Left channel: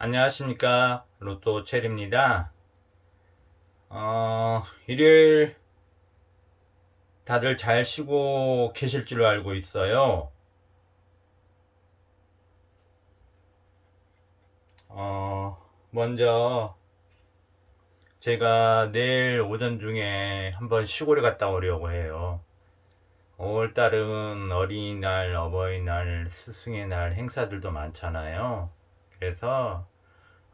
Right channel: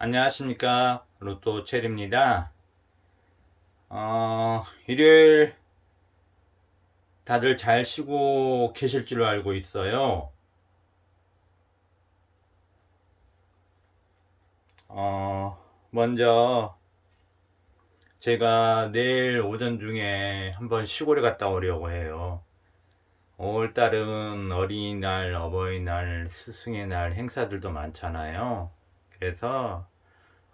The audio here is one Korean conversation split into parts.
안녕하십니까. 로또 체리입니다. 일요일 다들 잘 쉬고 계실 줄로 알고 있어요. 먼저 제가 내일 오전 중에 한번 시골에 갔다 오려고 해요. 5월달은 어린이날, 어버이날, 스승의 날 행사들도 많잖아요. 그래서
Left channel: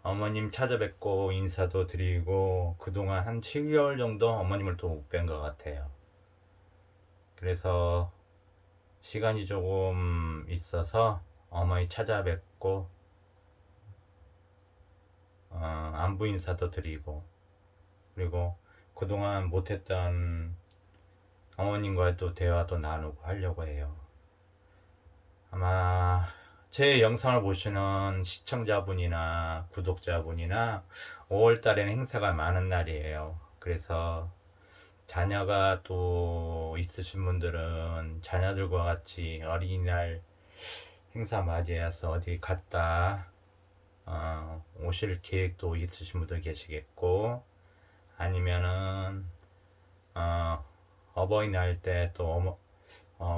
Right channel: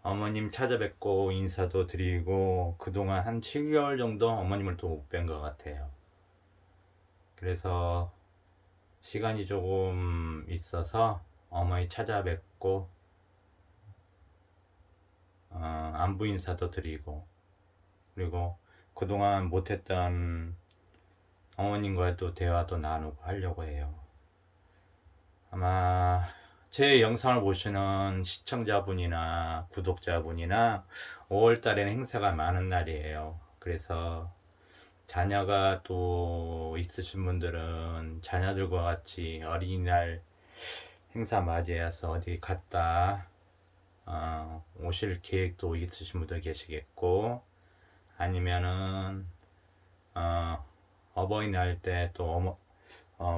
어머님 찾아뵙고 인사도 드리고 그동안 한 7개월 정도 어머님을 또 못 뵌 것 같아요. 그래서 시간이 조금 있어서 어머니 찾아뵙고 안부 인사도 드리고, 그리고 그동안 못했던 어머님과도 대화도 나누고 하려고 해요. 아마 제 영상을 보시는 시청자분이나 구독자분이나 5월 달에는 행사가 많은 날이에요. 그래서 자녀가 또 있으신 분들은 자녀들과 같이 어린이날 행사 맞이해서 어디 갔다 오실 계획도 있으신 분도 계시겠고, 아니면은 어버이날 때 또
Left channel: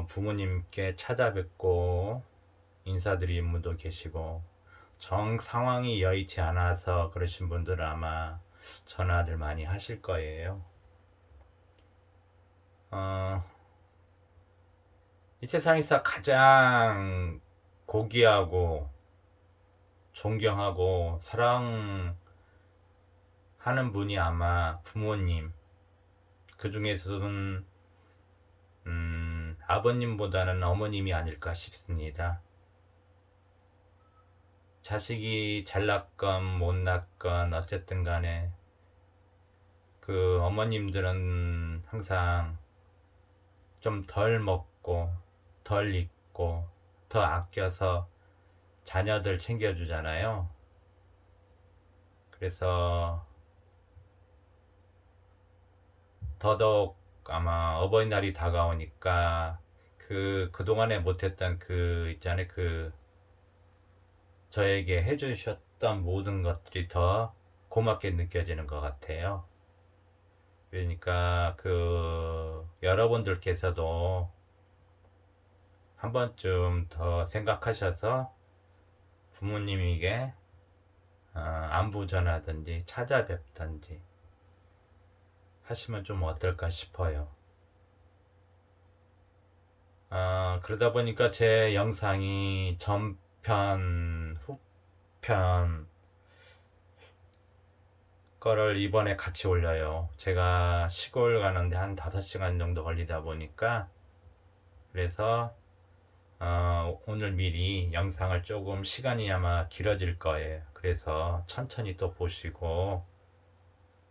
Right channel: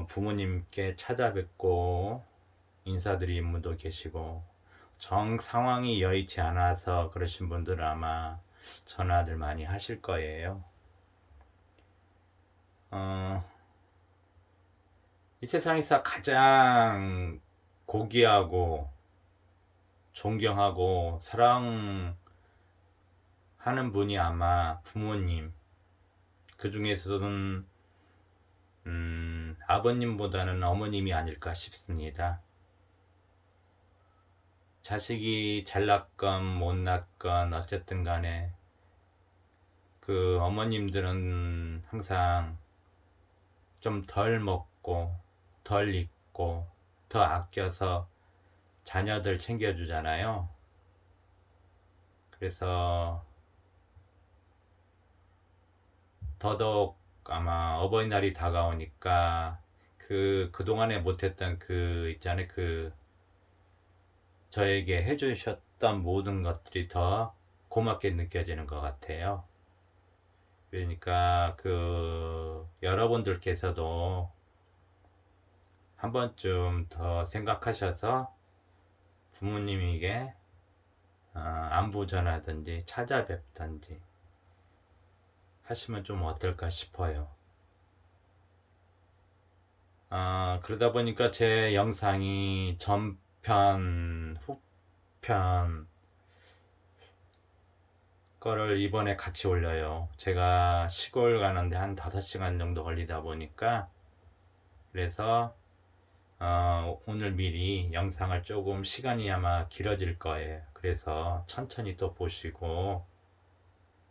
부모님께 찾아뵙고 인사드리는 분도 계시고, 정 상황이 여의치 않아서 그러신 분들은 아마 전화들 많이 하실 거예요. 어, 이 세상에서 가장 고귀하고 존경하고 사랑하는 분이 아마 부모님, 그 중에서는 아버님보다는 어머님이 아닐까 싶습니다. 자식이 잘났건 못났건 어쨌든 간에 그 어머님들은 항상 좀 덜 먹고 덜 입고 더 아껴서 자녀들 챙겨주잖아요. 그래서 더더욱 아마 어버이날이 다가오니까 그동안에 못했던 그 있잖아요. 저에게 해주셨던 모든 것들이 더 고맙게 느껴지는 것 같아요. 그러니까 여러분들께서도 한 번쯤 더 생각하셔서 부모님에게 안부 전하든지 찾아뵙든지 하시면 좀 어떨까 싶어요. 그러다 보니까 제 영상이 전편, 후편 거를 이번에 같이 올려요. 제가 시골 가는데 한 5시간 정도 걸리다 보니까, 그래서 오늘 미리 영상을 조금 시간이 아마 길어질 거예요. 그래서 천천히 또 보시고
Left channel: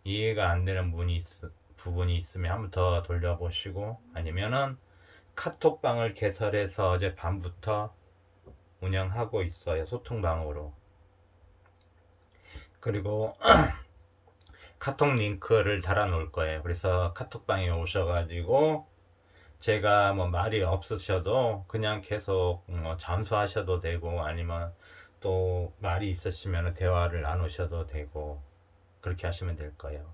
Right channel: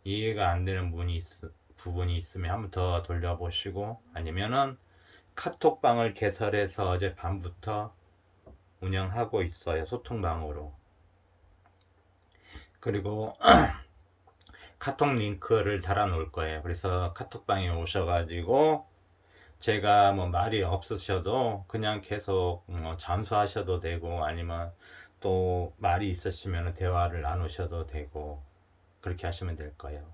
이해가 안 되는 부분이 있으면 한번 더 돌려보시고, 아니면은 카톡방을 개설해서 어제 밤부터 운영하고 있어요. 소통방으로. 그리고 카톡 링크를 달아 놓을 거예요. 그래서 카톡방에 오셔가지고 제가 뭐 말이 없으셔도 그냥 계속 잠수하셔도 되고, 아니면 또 말이 있으시면 대화를 나누셔도 되고, 그렇게 하시면 될 거예요.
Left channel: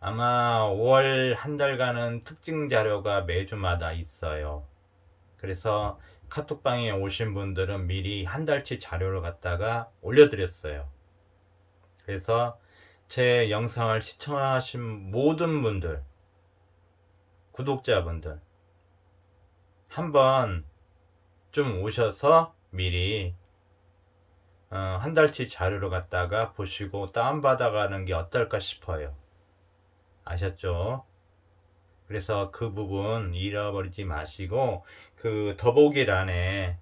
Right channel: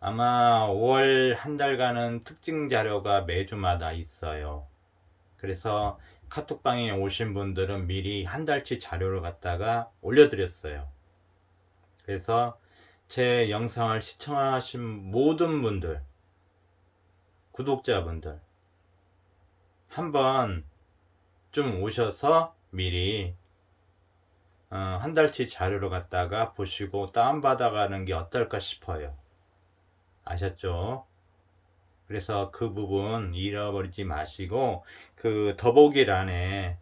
아마 5월 한 달간은 특징 자료가 매주마다 있어요. 그래서 카톡방에 오신 분들은 미리 한 달치 자료를 갖다가 올려드렸어요. 그래서 제 영상을 시청하신 모든 분들, 구독자분들, 한번 좀 오셔서 미리 한 달치 자료를 갖다가 보시고 다운받아가는 게 어떨까 싶어요. 아셨죠? 그래서 그 부분 잃어버리지 마시고 그 더보기란에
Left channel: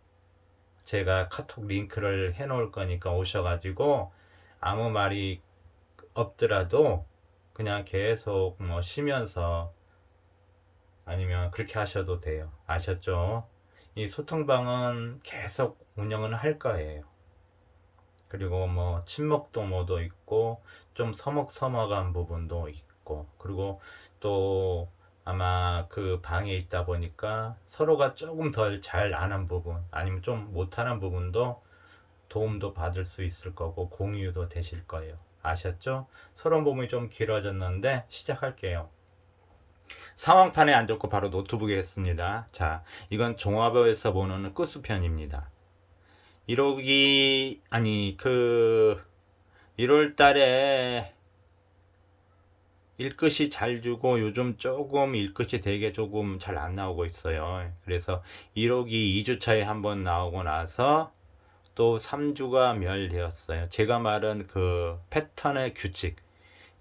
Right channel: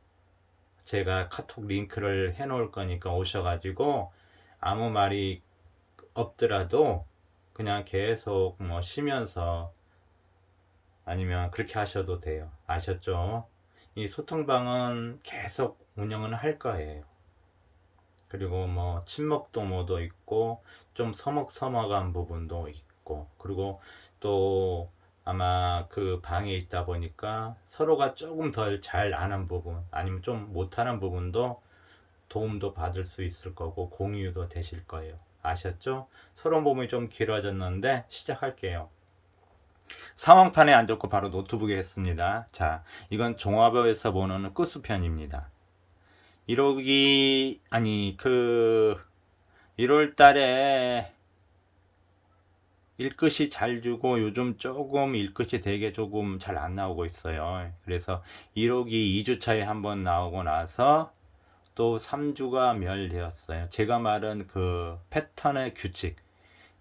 제가 카톡 링크를 해 놓을 거니까 오셔가지고 아무 말이 없더라도 그냥 계속 뭐 쉬면서 아니면 그렇게 하셔도 돼요. 아셨죠? 이 소통방은 계속 운영은 할 거예요. 그리고 뭐 친목도 뭐도 있고 좀 서먹서먹한 부분도 있고, 그리고 또 아마 그 방에 있다 보니까 서로가 조금 덜 잘 아는 부분, 아니면 좀 못하는 부분도 도움도 받을 수 있을 거고 공유도 되실 거예요. 아셨죠? 서론 부분이 좀 길어졌는데 시작할게요. 상황판에 안 적고 바로 노트북에 했습니다. 자, 이건 종합에서 보는 끝수편입니다. 1호기 1월 달에 일끝이 잘 주고 요즘 조금 일끝이 되게 조금 잘 안 나오고 있어요. 그래서 1호기 2주차에 한번 나오고 나서 또 3주가 멸되었어요. 제가 말한 그 패턴의 규칙.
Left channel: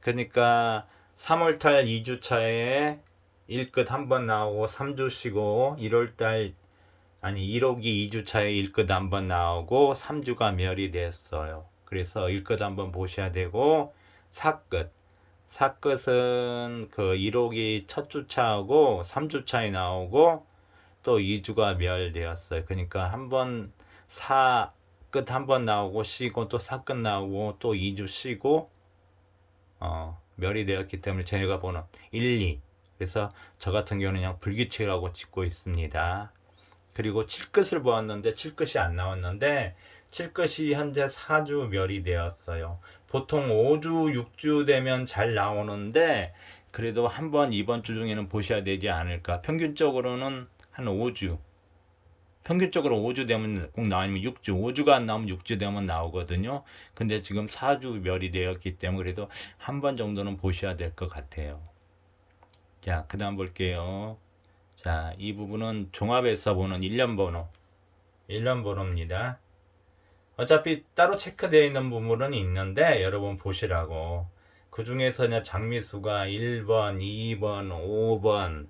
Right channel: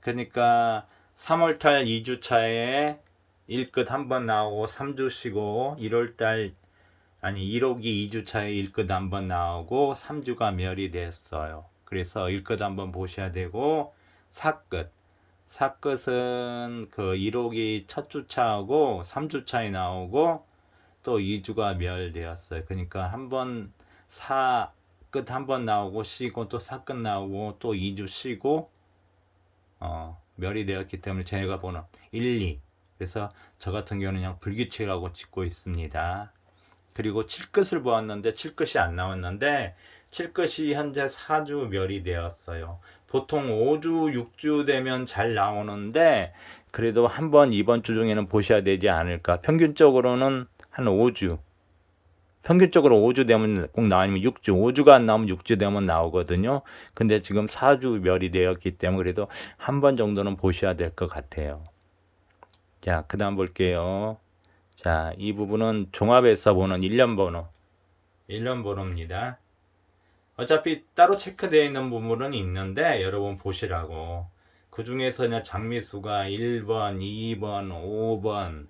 그러니까 3월달 2주차에 1끝 한번 나오고 3주 쉬고 1호기 2주차에 1끝 한번 나오고 3주가 멸이 됐어요. 그래서 1끝 한번 보셔야 되고 4끝은 그 1호기 첫 주차하고 3주차에 나오고 또 2주가 멸되었어요. 그러니까 한번 4끝 한번 나오고 쉬고 또 4끝 나오고 또 2주 쉬고 멸이 되었기 때문에 제가 보는 1, 2. 그래서 저 같은 경우는 그냥 불규칙이라고 찍고 있습니다. 그리고 7끝을 보았는데 7끝이 안 나왔는데 7끝이 현재 4주 멸이 되었어요. 보통 5주, 6주 되면 잘 나오는데 그래도 한번 이번 주 중에는 보셔야 되지 않을까. 평균적으로는 한 5주. 평균적으로 5주 되면 꼭 나오면 6주, 5주가 안 나오면 6주 되면 나오거든요. 근데 지금 4주 멸이 되었기 때문에 그래도 한 번 정도는 보셔야 될 것 같아요. 자, 그 다음 볼게요. 자, 이 부분은 종합에서 보는 1년 번호입니다. 어차피 따로 체크되어 있는 부분은 있는데 여러분 보시라고. 그 중에서 장미수가 1번, 2번, 5번,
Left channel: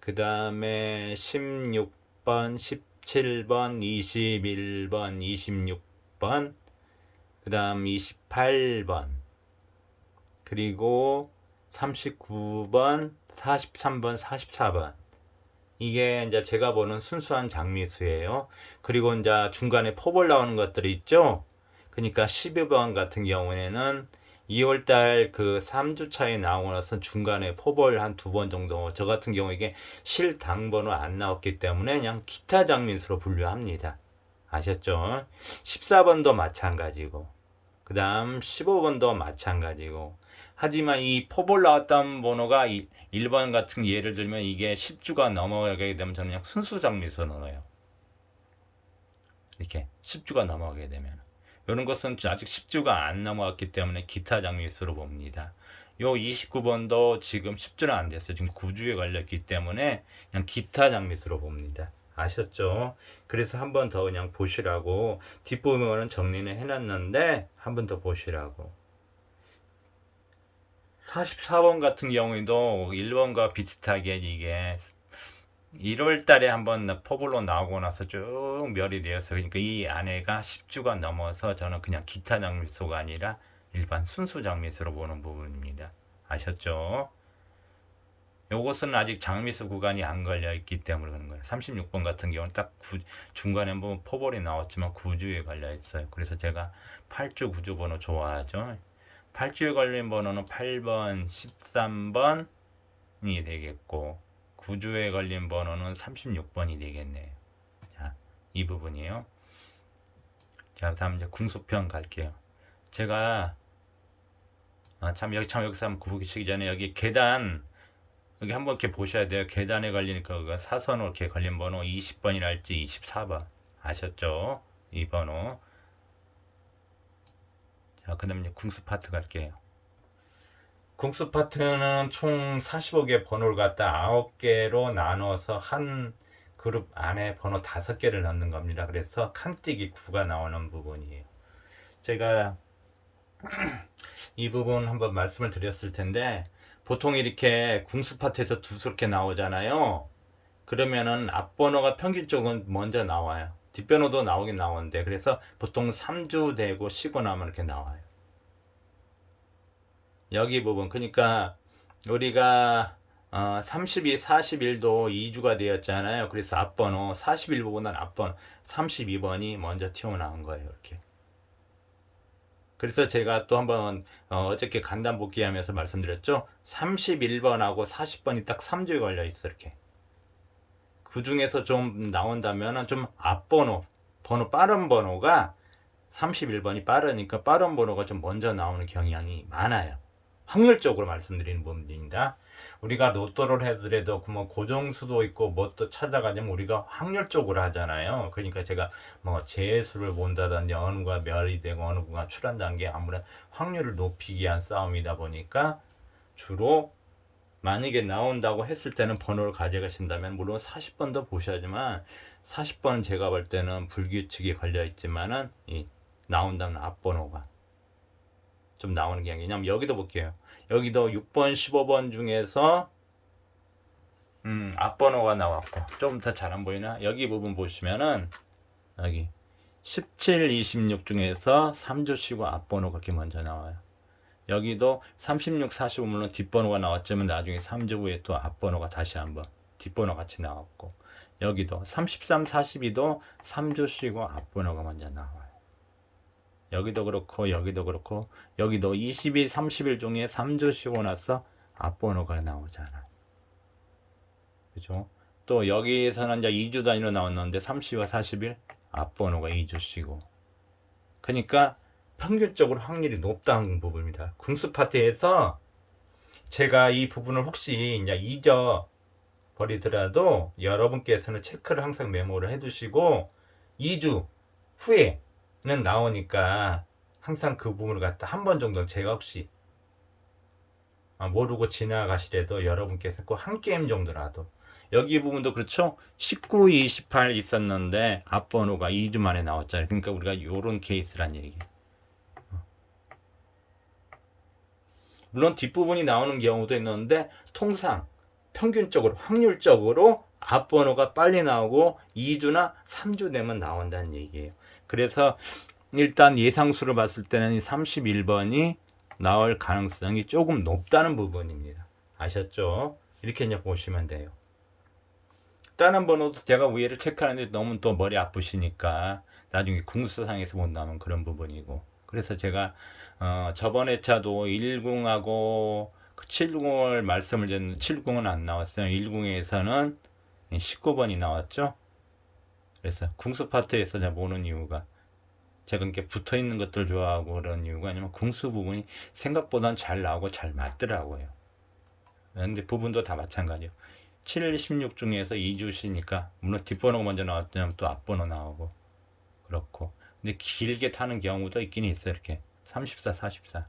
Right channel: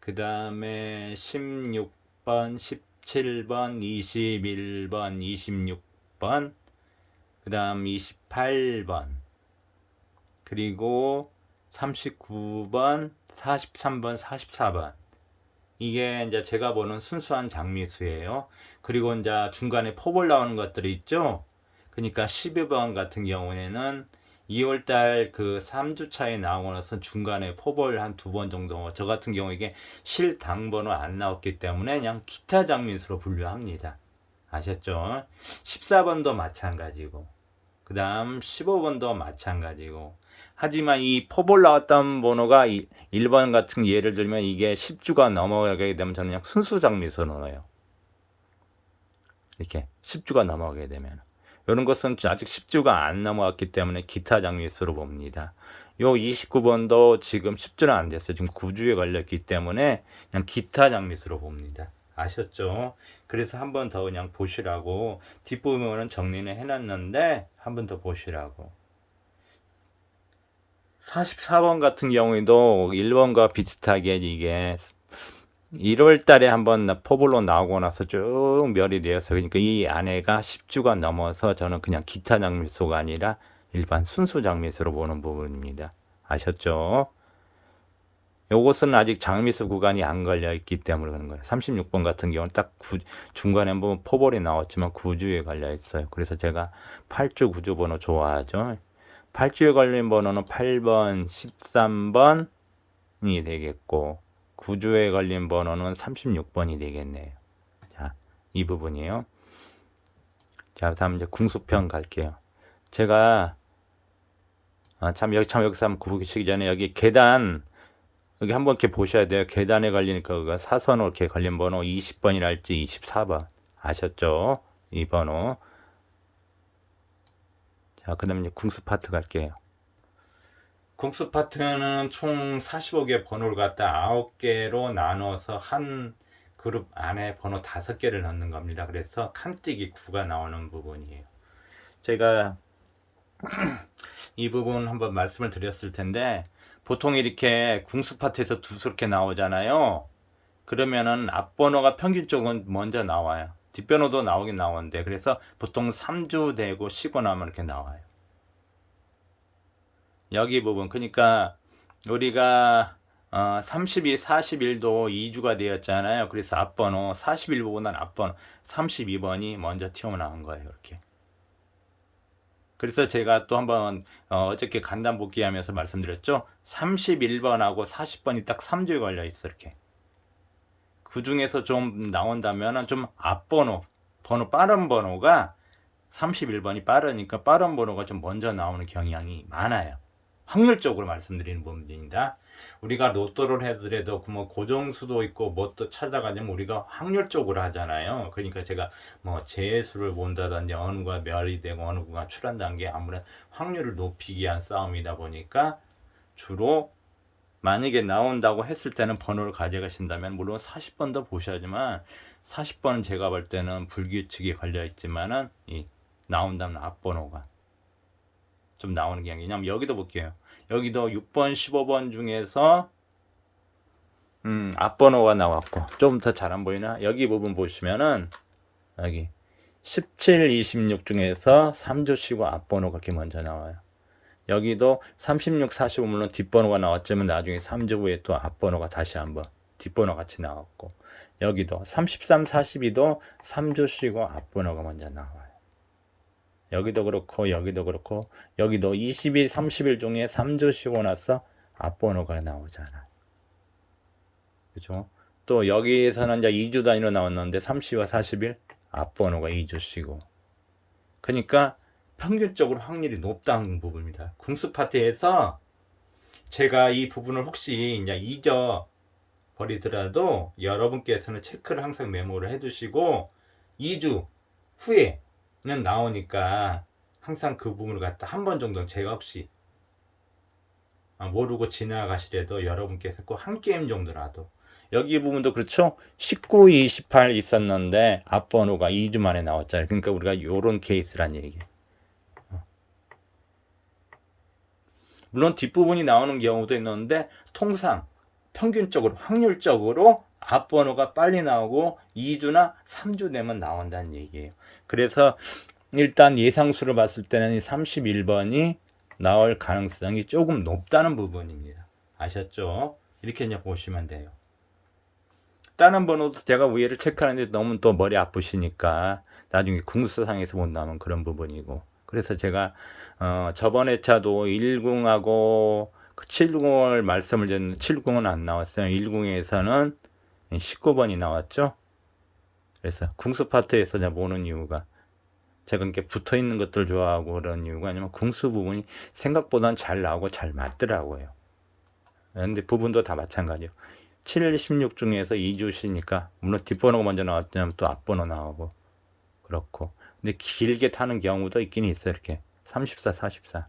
그 다음에 16번, 17번, 21번, 26번, 그 다음 28번, 그리고 39번, 43번, 44번. 이게 이제 제가 보는 순수한 장미수예요. 그리고 이제 중간에 포볼 나오는 것들이 있죠. 그러니까 12번 같은 경우에는 2월달 그 3주차에 나오고 나서 중간에 포볼 한 2번 정도. 저 같은 경우 이게 실당 번호 안 나왔기 때문에 그냥 기타 장미수로 분류합니다. 아셨죠? 14번도 마찬가지고, 그 다음 15번도 마찬가지고. 하지만 이 포볼 나왔던 번호가 1번 같은 예를 들면 이게 10주가 넘어가게 되면 저는 그냥 순수 장미수로 넣어요. 이렇게 10주가 넘어가게 되면. 이런 것은 아직 10주가 안 넘어갔기 때문에 기타 장미수로 봅니다. 요 29번도 지금 10주는 안 됐어요. 지금 9주에 걸렸기 때문에 그냥 기타 장미수로 봅니다. 아셨죠? 그래서 한 번 더 그냥 보시라고. 뒷부분은 정리는 해놨는데 한 번 더 보시라고. 44번 같은 경우에도 1번과 비슷하게 이게 1월 달에 한번 포블로 나오고 나서 쭉 멸이 되어서, 그러니까 이 안에가 10주가 넘어서 저는 그냥 기타 장미수가 아니라 일반 순수 장미수로 보는 부분입니다. 아셨죠? 요것은 아직 장미수 구간이 안 걸려 있기 때문에 그런 거예요. 36번 같은 경우는 딱 중간에 한번 포볼이 나왔지만 9주에 걸려 있어요. 그래서 제가 8주, 9주 번호 좋아하죠. 8주에 걸린 번호는 8번, 13번이 되겠고 9주에 걸린 번호는 36번이 되겠네요. 자, 이 부분이에요. 자, 다음 이제 궁수편 갈게요. 제가 여기서 한번 구부시기 전에 여기 계단 여기 한번 이렇게 보셔야 돼요. 계단에 걸리니까 그거 사선으로 이렇게 걸린 번호 20번이랄지 24번 아셨죠? 이 번호. 자, 그 다음에 이제 궁수 파트 갈게요. 궁수 파트는 총 45개 번호를 갖다 9개로 나눠서 한 그룹 안에 번호 5개를 넣는 겁니다. 그래서 칸뛰기 9가 나오는 부분이에요. 제가 이 부분 한번 말씀을 드렸을 텐데 보통 이렇게 궁수 파트에서 두수렇게 나오잖아요. 그러면은 앞번호가 평균적으로 먼저 나와요. 뒷번호도 나오긴 나오는데 그래서 보통 3주 되고 쉬고 나면 이렇게 나와요. 여기 부분, 그러니까 우리가 32, 41도 2주가 되었잖아요. 그래서 앞번호 41번보다는 앞번호 32번이 먼저 튀어나온 거예요. 이렇게. 그래서 제가 또 한번 어저께 간단 복귀하면서 말씀드렸죠. 31번하고 40번이 딱 3주에 걸려 있어. 이렇게. 그 중에서 좀 나온다면 좀 앞번호, 번호 빠른 번호가 31번이 빠르니까 빠른 번호가 좀 먼저 나오는 경향이 많아요. 확률적으로 말씀드리는 부분입니다. 우리가 로또를 해더라도 뭐 고정수도 있고 뭐 또 찾아가냐면 우리가 확률적으로 하잖아요. 그러니까 제가 뭐 재수를 본다든지 어느 구가 멸이 되고 어느 구가 출한다는 게 아무래도 확률을 높이기 위한 싸움이다 보니까 주로 만약에 나온다고 했을 때는 번호를 가져가신다면 물론 40번도 보셔야지만 40번은 제가 볼 때는 불규칙이 걸려 있지만은 나온다면 앞번호가 좀 나오는 게 아니냐. 여기도 볼게요. 여기도 6번, 15번 중에서 앞번호가 나왔고 좀 더 잘 안 보이나? 여기 부분 보시면은 여기 17, 26 중에서 3조 쉬고 앞번호가 이렇게 먼저 나와요. 여기도 36, 45 물론 뒷번호가 나왔지만 나중에 3조 후에 또 앞번호가 다시 한번 뒷번호 같이 나왔고 여기도 33, 42도 3조 쉬고 앞번호가 먼저 나와요. 여기도 그렇고 여기도 그렇고 여기도 20일, 30일 중에 3조 쉬고 나서 앞번호가 나오잖아요. 그죠? 또 여기에서는 이제 2주 단위로 나왔는데 30와 40일 앞번호가 2주 쉬고 그러니까 평균적으로 확률이 높다는 부분입니다. 궁수 파트에서 제가 이 부분을 혹시 이제 잊어버리더라도 여러분께서는 체크를 항상 메모를 해두시고 2주 후에는 나오니까 항상 그 부분을 갖다 한 번 정도는 제가 혹시 모르고 지나가시려도 여러분께서 꼭 한 게임 정도라도 여기 부분도 그렇죠. 19, 28 있었는데 앞번호가 2주 만에 나왔잖아요. 그러니까 우리가 요런 케이스란 얘기예요. 물론 뒷부분이 나오는 경우도 있는데 통상 평균적으로 확률적으로 앞번호가 빨리 나오고 2주나 3주 되면 나온다는 얘기예요. 그래서 일단 예상수를 봤을 때는 31번이 나올 가능성이 조금 높다는 부분입니다. 아셨죠? 이렇게 이제 보시면 돼요. 다른 번호도 제가 위에를 체크하는데 너무 또 머리 아프시니까 나중에 궁수상에서 본다면 그런 부분이고 그래서 제가 저번 회차도 10하고 70을 말씀을 드렸는데 70은 안 나왔어요. 10에서는 19번이 나왔죠. 그래서 궁수 파트에서 제가 보는 이유가 제가 이렇게 붙어 있는 것들 좋아하고 그런 이유가 아니면 궁수 부분이 생각보다는 잘 나오고 잘 맞더라고요. 근데 부분도 다 마찬가지예요. 7, 16 중에서 2주시니까 물론 뒷번호가 먼저 나왔다면 또 앞번호 나오고 그렇고 근데 길게 타는 경우도 있긴 있어요. 이렇게 34, 44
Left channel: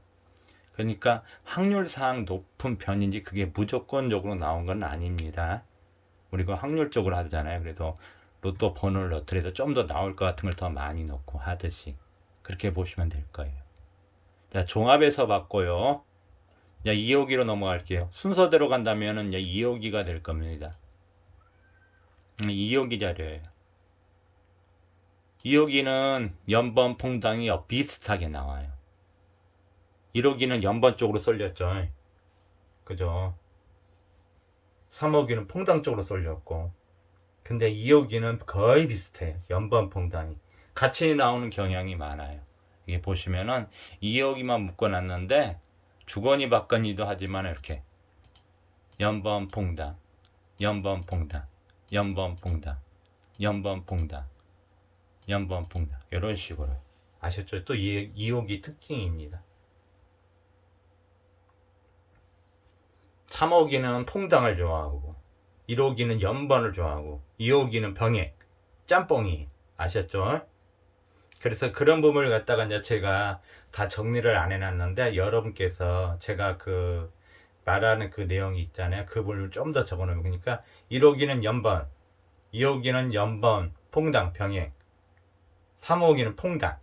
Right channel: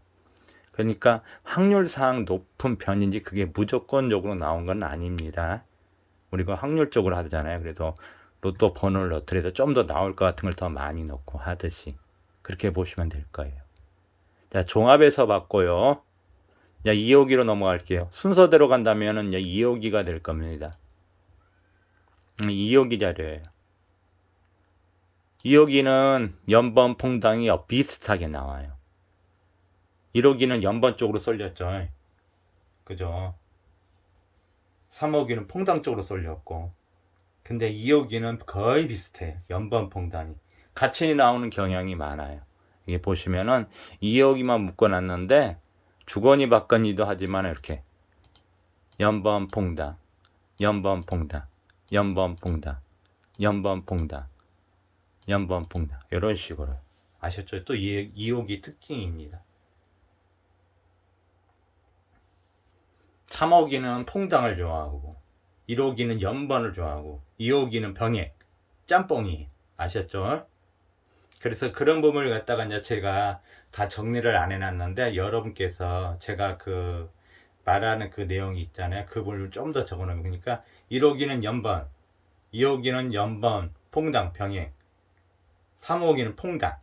그러니까 확률상 높은 편인지 그게 무조건적으로 나온 건 아닙니다. 우리가 확률적으로 하잖아요. 그래도 로또 번호를 넣더라도 좀 더 나올 것 같은 걸 더 많이 넣고 하듯이 그렇게 보시면 될 거예요. 자, 종합에서 봤고요. 2호기로 넘어갈게요. 순서대로 간다면은 2호기가 될 겁니다. 2호기 자료예요. 2호기는 연번 퐁당이 비슷하게 나와요. 1호기는 연번 쪽으로 쏠렸죠. 그죠? 3호기는 퐁당 쪽으로 쏠렸고 근데 2호기는 거의 비슷해요. 연번 퐁당이 같이 나오는 경향이 많아요. 이게 보시면은 2호기만 묶어놨는데 주거니 받거니도 하지만 이렇게 연번 퐁당 연번 퐁당 연번 퐁당 연번 퐁당 연번 퐁당 이런 식으로 아셨죠? 또 2호기 특징입니다. 3호기는 퐁당을 좋아하고 1호기는 연번을 좋아하고 2호기는 병액 짬뽕이 아셨죠? 그래서 그런 부분을 갖다가 이제 제가 다 정리를 안 해놨는데 여러분께서 제가 그 말하는 그 내용이 있잖아요. 그 부분을 좀 더 적어 놓으면 그러니까 1호기는 연번 2호기는 연번 퐁당 병액 3호기는 퐁당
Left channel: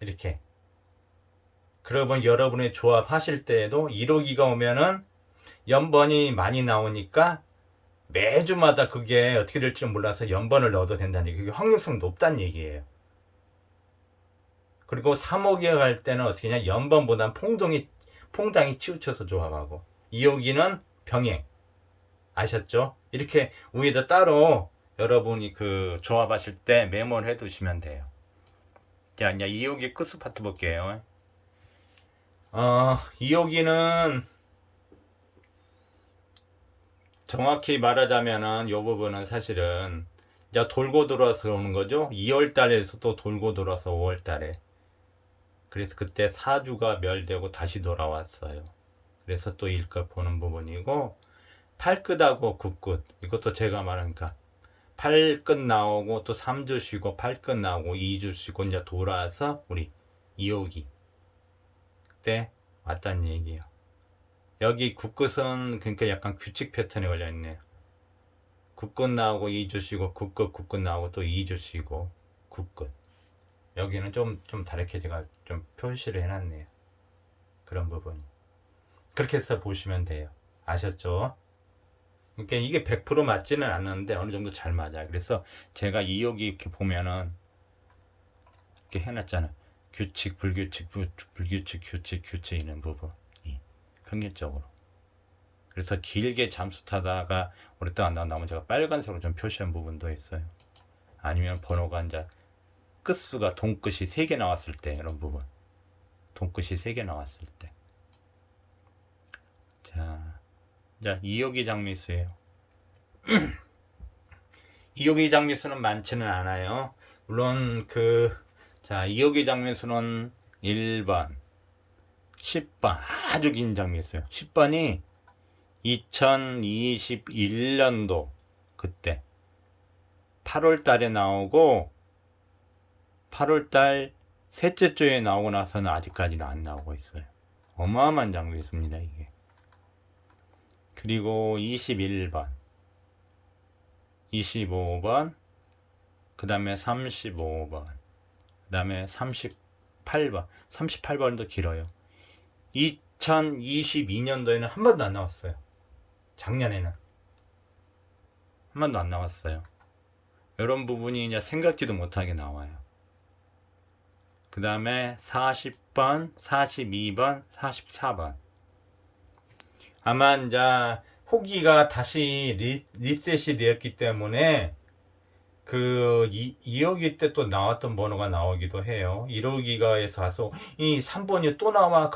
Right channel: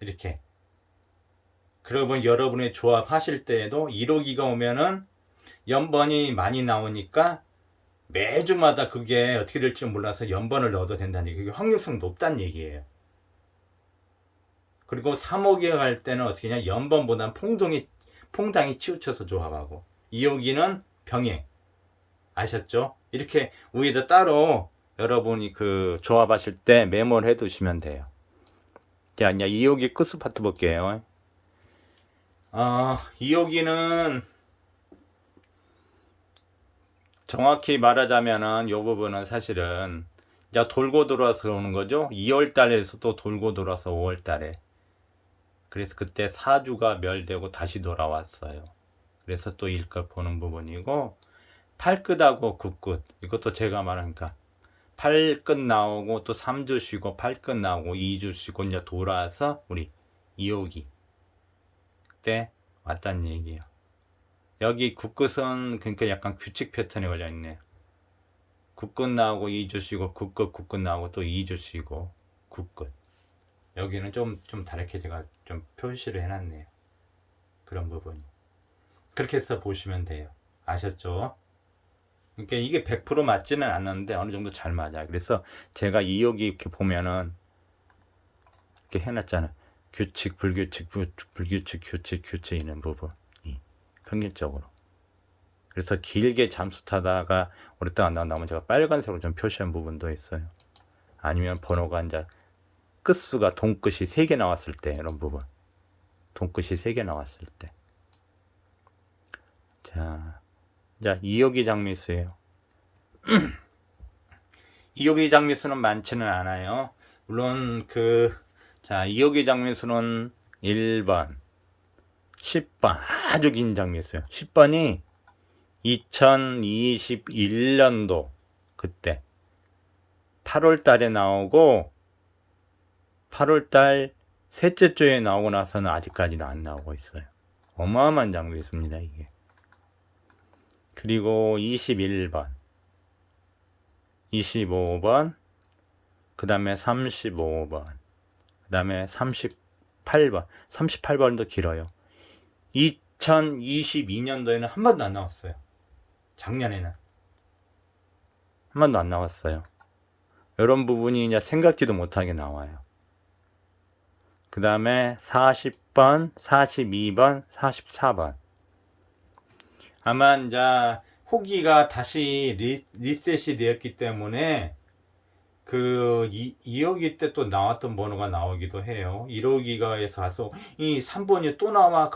이렇게 그러면 여러분의 조합하실 때에도 1호기가 오면은 연번이 많이 나오니까 매주마다 그게 어떻게 될지 몰라서 연번을 넣어도 된다는 얘기. 그게 확률성 높다는 얘기예요. 그리고 3호기가 갈 때는 어떻게 냐 연번보단 퐁당이 치우쳐서 조합하고 2호기는 병행 아셨죠? 이렇게 위에다 따로 여러분이 그 조합하실 때 메모를 해 두시면 돼요. 자, 이제 2호기 끝수 파트 볼게요. 2호기는 정확히 말하자면은 이 부분은 사실은 이제 돌고 돌아서 오는 거죠. 2월 달에서 또 돌고 돌아서 5월 달에. 그래서 그때 사주가 멸되고 다시 돌아왔어요. 그래서 또 일껏 보는 부분이고, 팔끝하고 굿끝. 이것도 제가 말하니까 팔끝 나오고 또 3주 쉬고 팔끝 나오고 2주 쉬고 이제 돌아와서 우리 2호기 때 왔다는 얘기예요. 여기 굿끝은 그러니까 약간 규칙 패턴에 걸려 있네요. 굿끝 나오고 2주 쉬고 굿끝 나오고 또 2주 쉬고 굿끝. 여기는 좀 다르게 제가 좀 표시를 해놨네요. 그런 부분이. 그렇게 해서 보시면 돼요. 아셨죠? 그러니까 이게 100% 맞지는 않는데 어느 정도 잘 맞아요. 그래서 제가 2호기 이렇게 보면은 이렇게 해놨잖아요. 규칙, 불규칙, 불규칙, 규칙 있는 부분. 평균적으로. 그래서 길게 잠수 타다가 오랫동안 안 나오면 제가 빨간색으로 좀 표시한 부분도 있어요. 아니면 번호가 이제 끝수가 동끝이 3개 나왔을 때 이런 부분. 동끝이 3개 나왔을 때. 자, 이제 2호기 장미수예요. 2호기 장미수는 많지는 않아요. 물론 자, 2호기 장미수는 1번, 10번 아주 긴 장미수예요. 10번이 2021년도 그때 8월 달에 나오고 8월 달 셋째 주에 나오고 나서는 아직까지는 안 나오고 있어요. 어마어마한 장미수입니다, 이게. 그리고 21번, 25번, 그 다음에 35번, 그 다음에 38번, 38번도 길어요. 2022년도에는 한 번도 안 나왔어요. 작년에는 한 번도 안 나왔어요. 이런 부분이 이제 생각지도 못하게 나와요. 그 다음에 40번, 42번, 44번. 아마 이제 호기가 다시 리셋이 되었기 때문에 2호기 때 또 나왔던 번호가 나오기도 해요. 1호기가에서 가서 이 3번이 또 나와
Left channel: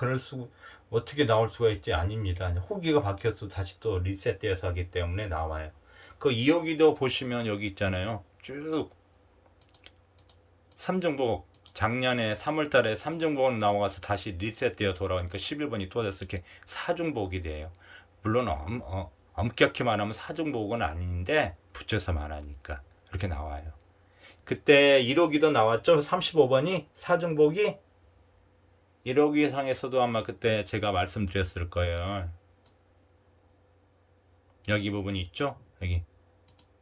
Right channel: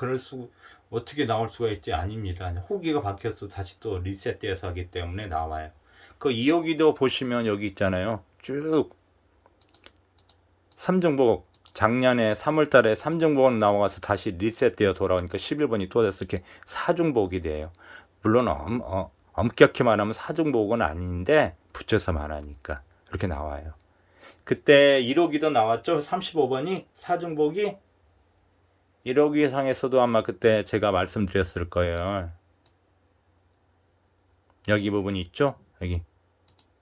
어떻게 나올 수가 있지? 아닙니다. 호기가 바뀌어서 다시 또 리셋되어서 하기 때문에 나와요. 2호기도 보시면 여기 있잖아요. 쭉 3중복 작년에 3월달에 3중복은 나와서 다시 리셋되어 돌아오니까 11번이 또 돼서 이렇게 4중복이 돼요. 물론 엄격히 말하면 4중복은 아닌데 붙여서 말하니까 그렇게 나와요. 그때 1호기도 나왔죠. 35번이 4중복이 1호기 상에서도 아마 그때 제가 말씀드렸을 거예요. 여기 부분이 있죠. 여기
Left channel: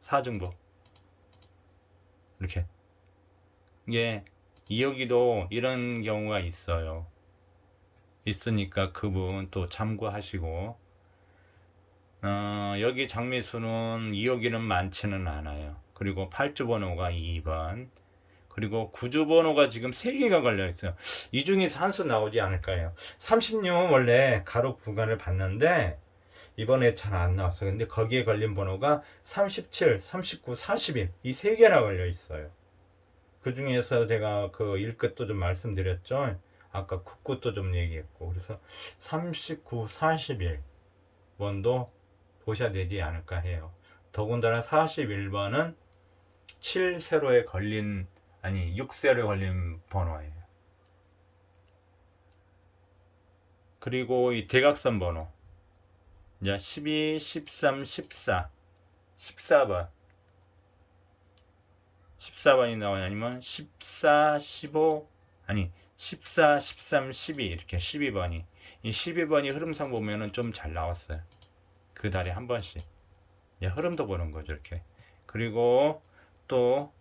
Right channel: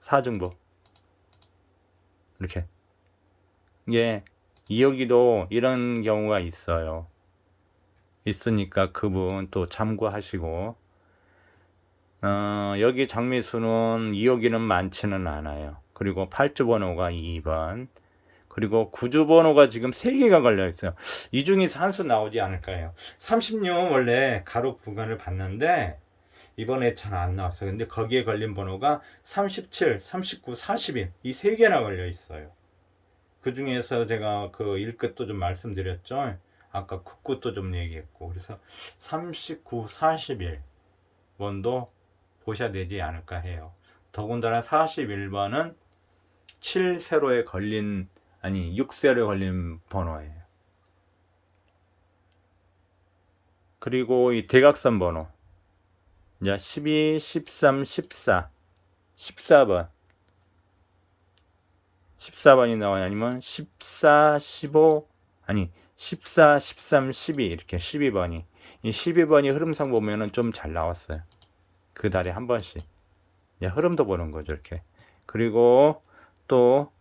4중복 이렇게. 예, 2호기도 이런 경우가 있어요. 있으니까 그분 또 참고하시고, 여기 장미수는 2호기는 많지는 않아요. 그리고 8주 번호가 2번, 그리고 9주 번호가 지금 3개가 걸려 있어요. 이 중에서 한 수 나오지 않을까요? 36은 원래 가로 구간을 봤는데 이번에 잘 안 나왔어요. 근데 거기에 걸린 번호가 37, 39, 41 이 3개나 걸려 있어요. 그 중에서 제가 그 1끝도 좀 말씀드렸죠. 아까 9끝도 좀 얘기했고. 그래서 39, 41 번도 보셔야 되지 않을까 해요. 더군다나 41번은 7세로에 걸린, 아니 6세로에 걸린 번호예요. 그리고 이 대각선 번호. 이제 12, 13, 14, 14번. 14번이 나와요. 아니면 14, 15, 아니 14, 13, 12 이렇게 12번이. 이 12번이 흐름상 보면은 좀 잘 나왔어요. 그 달에 한 번씩. 흐름도 보는 거죠, 이렇게. 그리고 또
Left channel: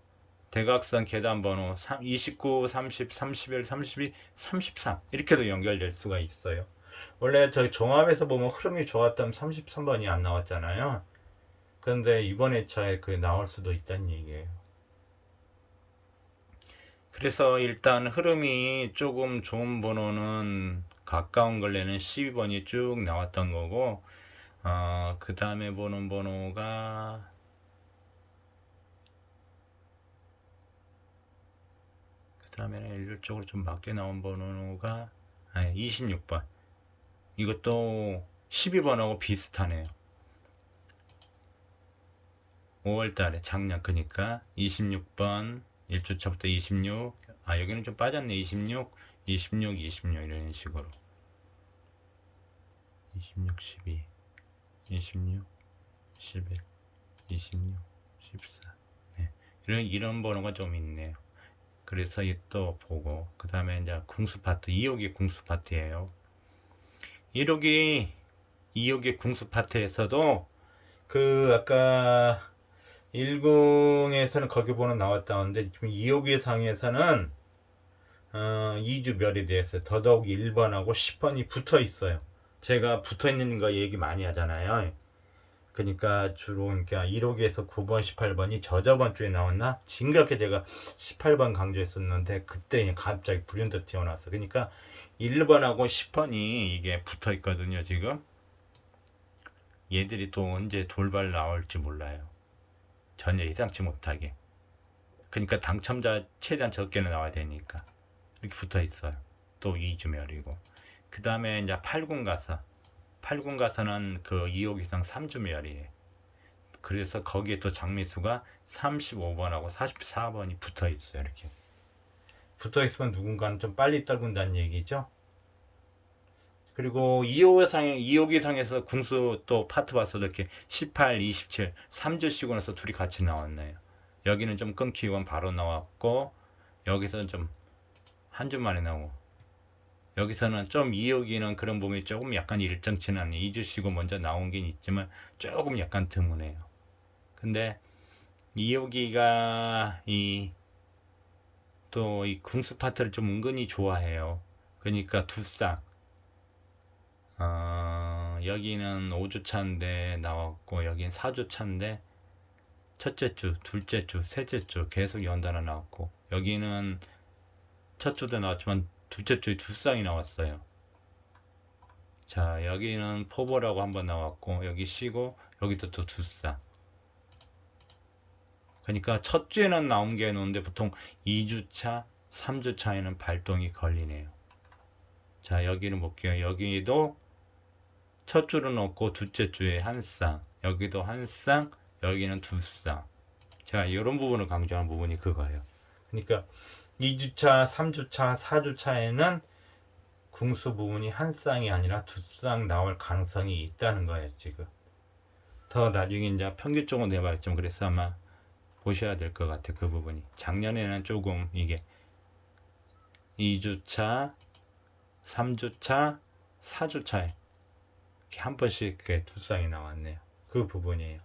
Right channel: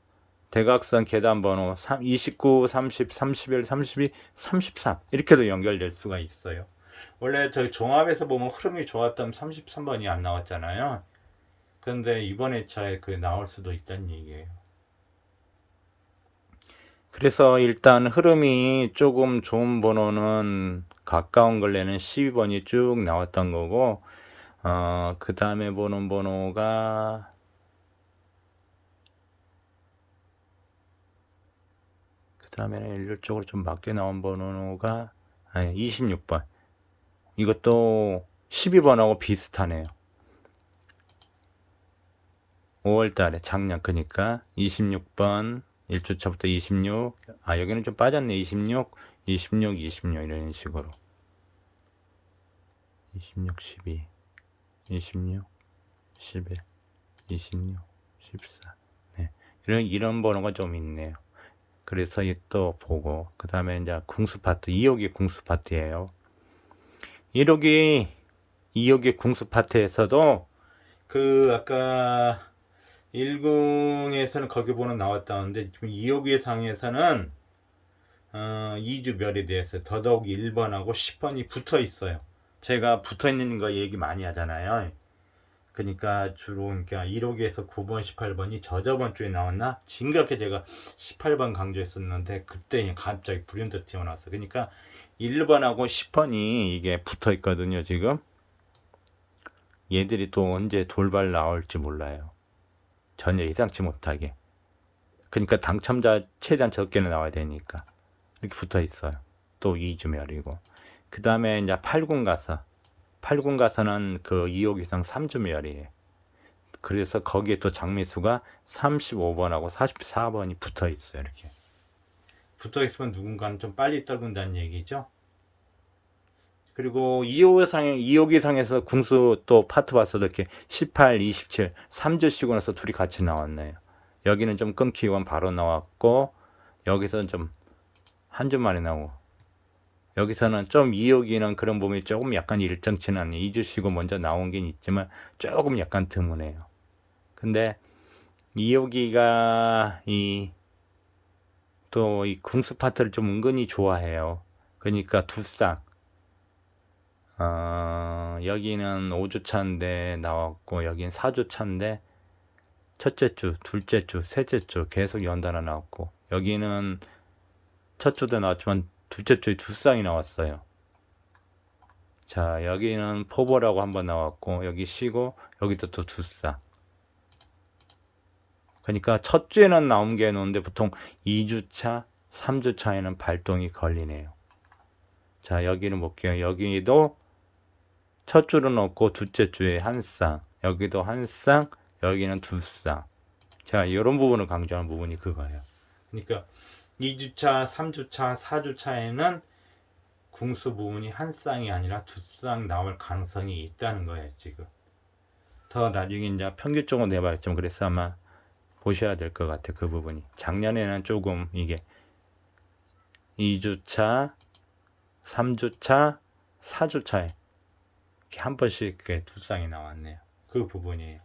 대각선 계단 번호 29, 30, 31, 32, 33 이렇게도 연결될 수가 있어요. 원래 저희 종합에서 보면 흐름이 좋았던 33번이 안 나왔잖아요. 그런데 이번 회차에 나올 수도 있다는 얘기예요. 그래서 일단 흐름이 조금 좋은 번호는 가까운 걸레는 12번이 쭉 나왔던 거고, 그 다음에 보는 번호가 그 다음에는 일률적으로 좀 맞게 나온 번호가 26번. 이것도 12번하고 비슷하네요. 5월 달에 작년 그니까 26번 1주차부터 26, 여기는 좀 빠졌네. 26, 26, 26 이런 식으로 26, 12, 26, 11, 26, 14 네. 이런 번호가 좀 있네요. 그래서 또 보고 그 다음에 이제 궁수 파트 2호기 궁수 파트예요. 2호기 궁수 파트에서도 그 아까 10에서는 거기 번호 나왔다는데 지금 2호기 상에서는 2주 별이 되었어요. 더더욱 1번하고 10번이 붙어 있어요. 제가 붙어 있는 거 얘기 많이 하잖아요. 그러니까 주로 1호기에서 9번, 18번이 저번 주에 나왔나? 징그럽게 제가 18번 강조했었는데 그때 갑자기 불현듯 튀어나왔어. 그러니까 1번하고 10번이 이게 붙어 있거든요. 지금 얘들이 또 언제 돌발 나올지 몰라요. 전혀 예상치 못하게. 그러니까 당첨자 최대한 적게는 나와야 되니까 이렇게 붙어 있어요. 또 2주멸이고 그 다음에 이제 8군 가서 8군 가서는 그 2호 이상 3주멸이에요. 그래서 거기에 또 장미수가 35번하고 44번이 붙어 있어요. 이렇게 붙어 있으면 누군가는 좀 빨리 떨군다는 얘기죠. 그리고 2호 기상에서 궁수 또 파트 봤어도 이렇게 18, 27, 3주 쉬고 나서 둘이 같이 나왔네요. 여기는 좀 끊기고 바로 나왔고 여기서는 좀 한 주 만에 나오고 여기서는 좀 2호기는 그런 부분이 조금 약간 일정치는 않네요. 2주 쉬고 먼저 나온 게 있지만 조금 약간 드무네요. 근데 2호기가 또 이 궁수 파트를 좀 은근히 좋아해요. 그러니까 두쌍 여기는 5주차인데 나왔고 여기는 4주차인데 첫째 주, 둘째 주, 셋째 주 계속 연달아 나왔고 여기는 첫 주도 나왔지만 둘째 주에 두 쌍이 나왔어요. 자 여기는 포보라고 한번 나왔고 여기 쉬고 여기도 또 두 쌍. 그러니까 첫 주에는 나온 게 나오는데 보통 2주차, 3주차에는 발동이 걸리네요. 자 여기는 볼게요. 여기도 첫 주는 없고 둘째 주에 한 쌍, 여기도 한 쌍, 여기는 두 쌍. 자 이런 부분을 강조하는 부분이 그거예요. 그러니까 2주차, 3주차, 4주차에는 궁수 부분이 한 쌍이 아니라 두 쌍 나올 가능성이 있다는 거예요. 지금 더 나중에 이제 평균적으로 내봐야겠지만 그래서 아마 보셔야 될 것 같아요. 그 부분이 작년에는 조금 이게 2주차, 3주차, 4주차에 한 번씩 두 쌍이 나왔네요. 그 부분이에요.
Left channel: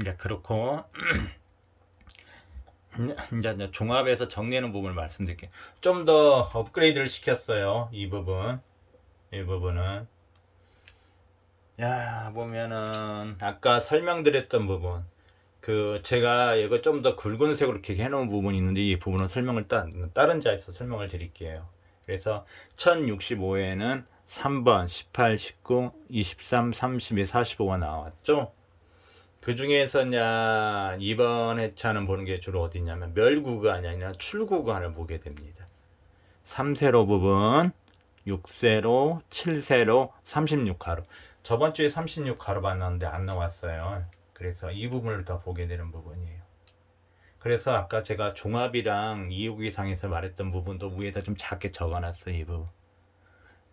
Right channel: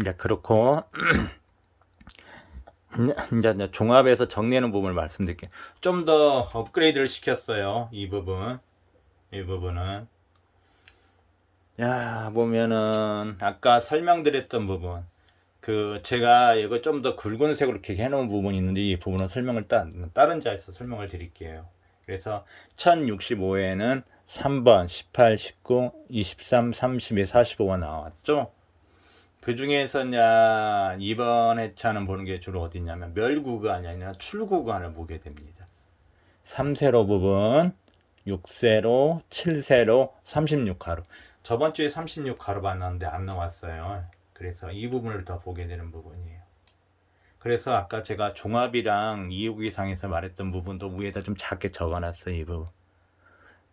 이제 그렇고 이제 종합해서 정리하는 부분을 말씀드릴게요. 좀 더 업그레이드를 시켰어요. 이 부분은 보면은 아까 설명드렸던 부분 제가 이거 좀 더 굵은색으로 이렇게 해놓은 부분이 있는데 이 부분은 설명을 다른 자에서 설명을 드릴게요. 그래서 1065에는 3번, 18, 19, 23, 32, 45가 나왔죠. 그 중에서 이번 회차는 보는 게 주로 어디 있냐면 멸구간이 아니라 출구간을 보게 됩니다. 3세로 부분, 6세로, 7세로, 36가로. 저번 주에 36가로 봤는데 안 나왔어요. 그래서 이 부분을 더 보게 되는 부분이에요. 그래서 아까 제가 종합이랑 2호기상에서 말했던 부분도 위에다 좀 작게 적어놨어요. 이 부분.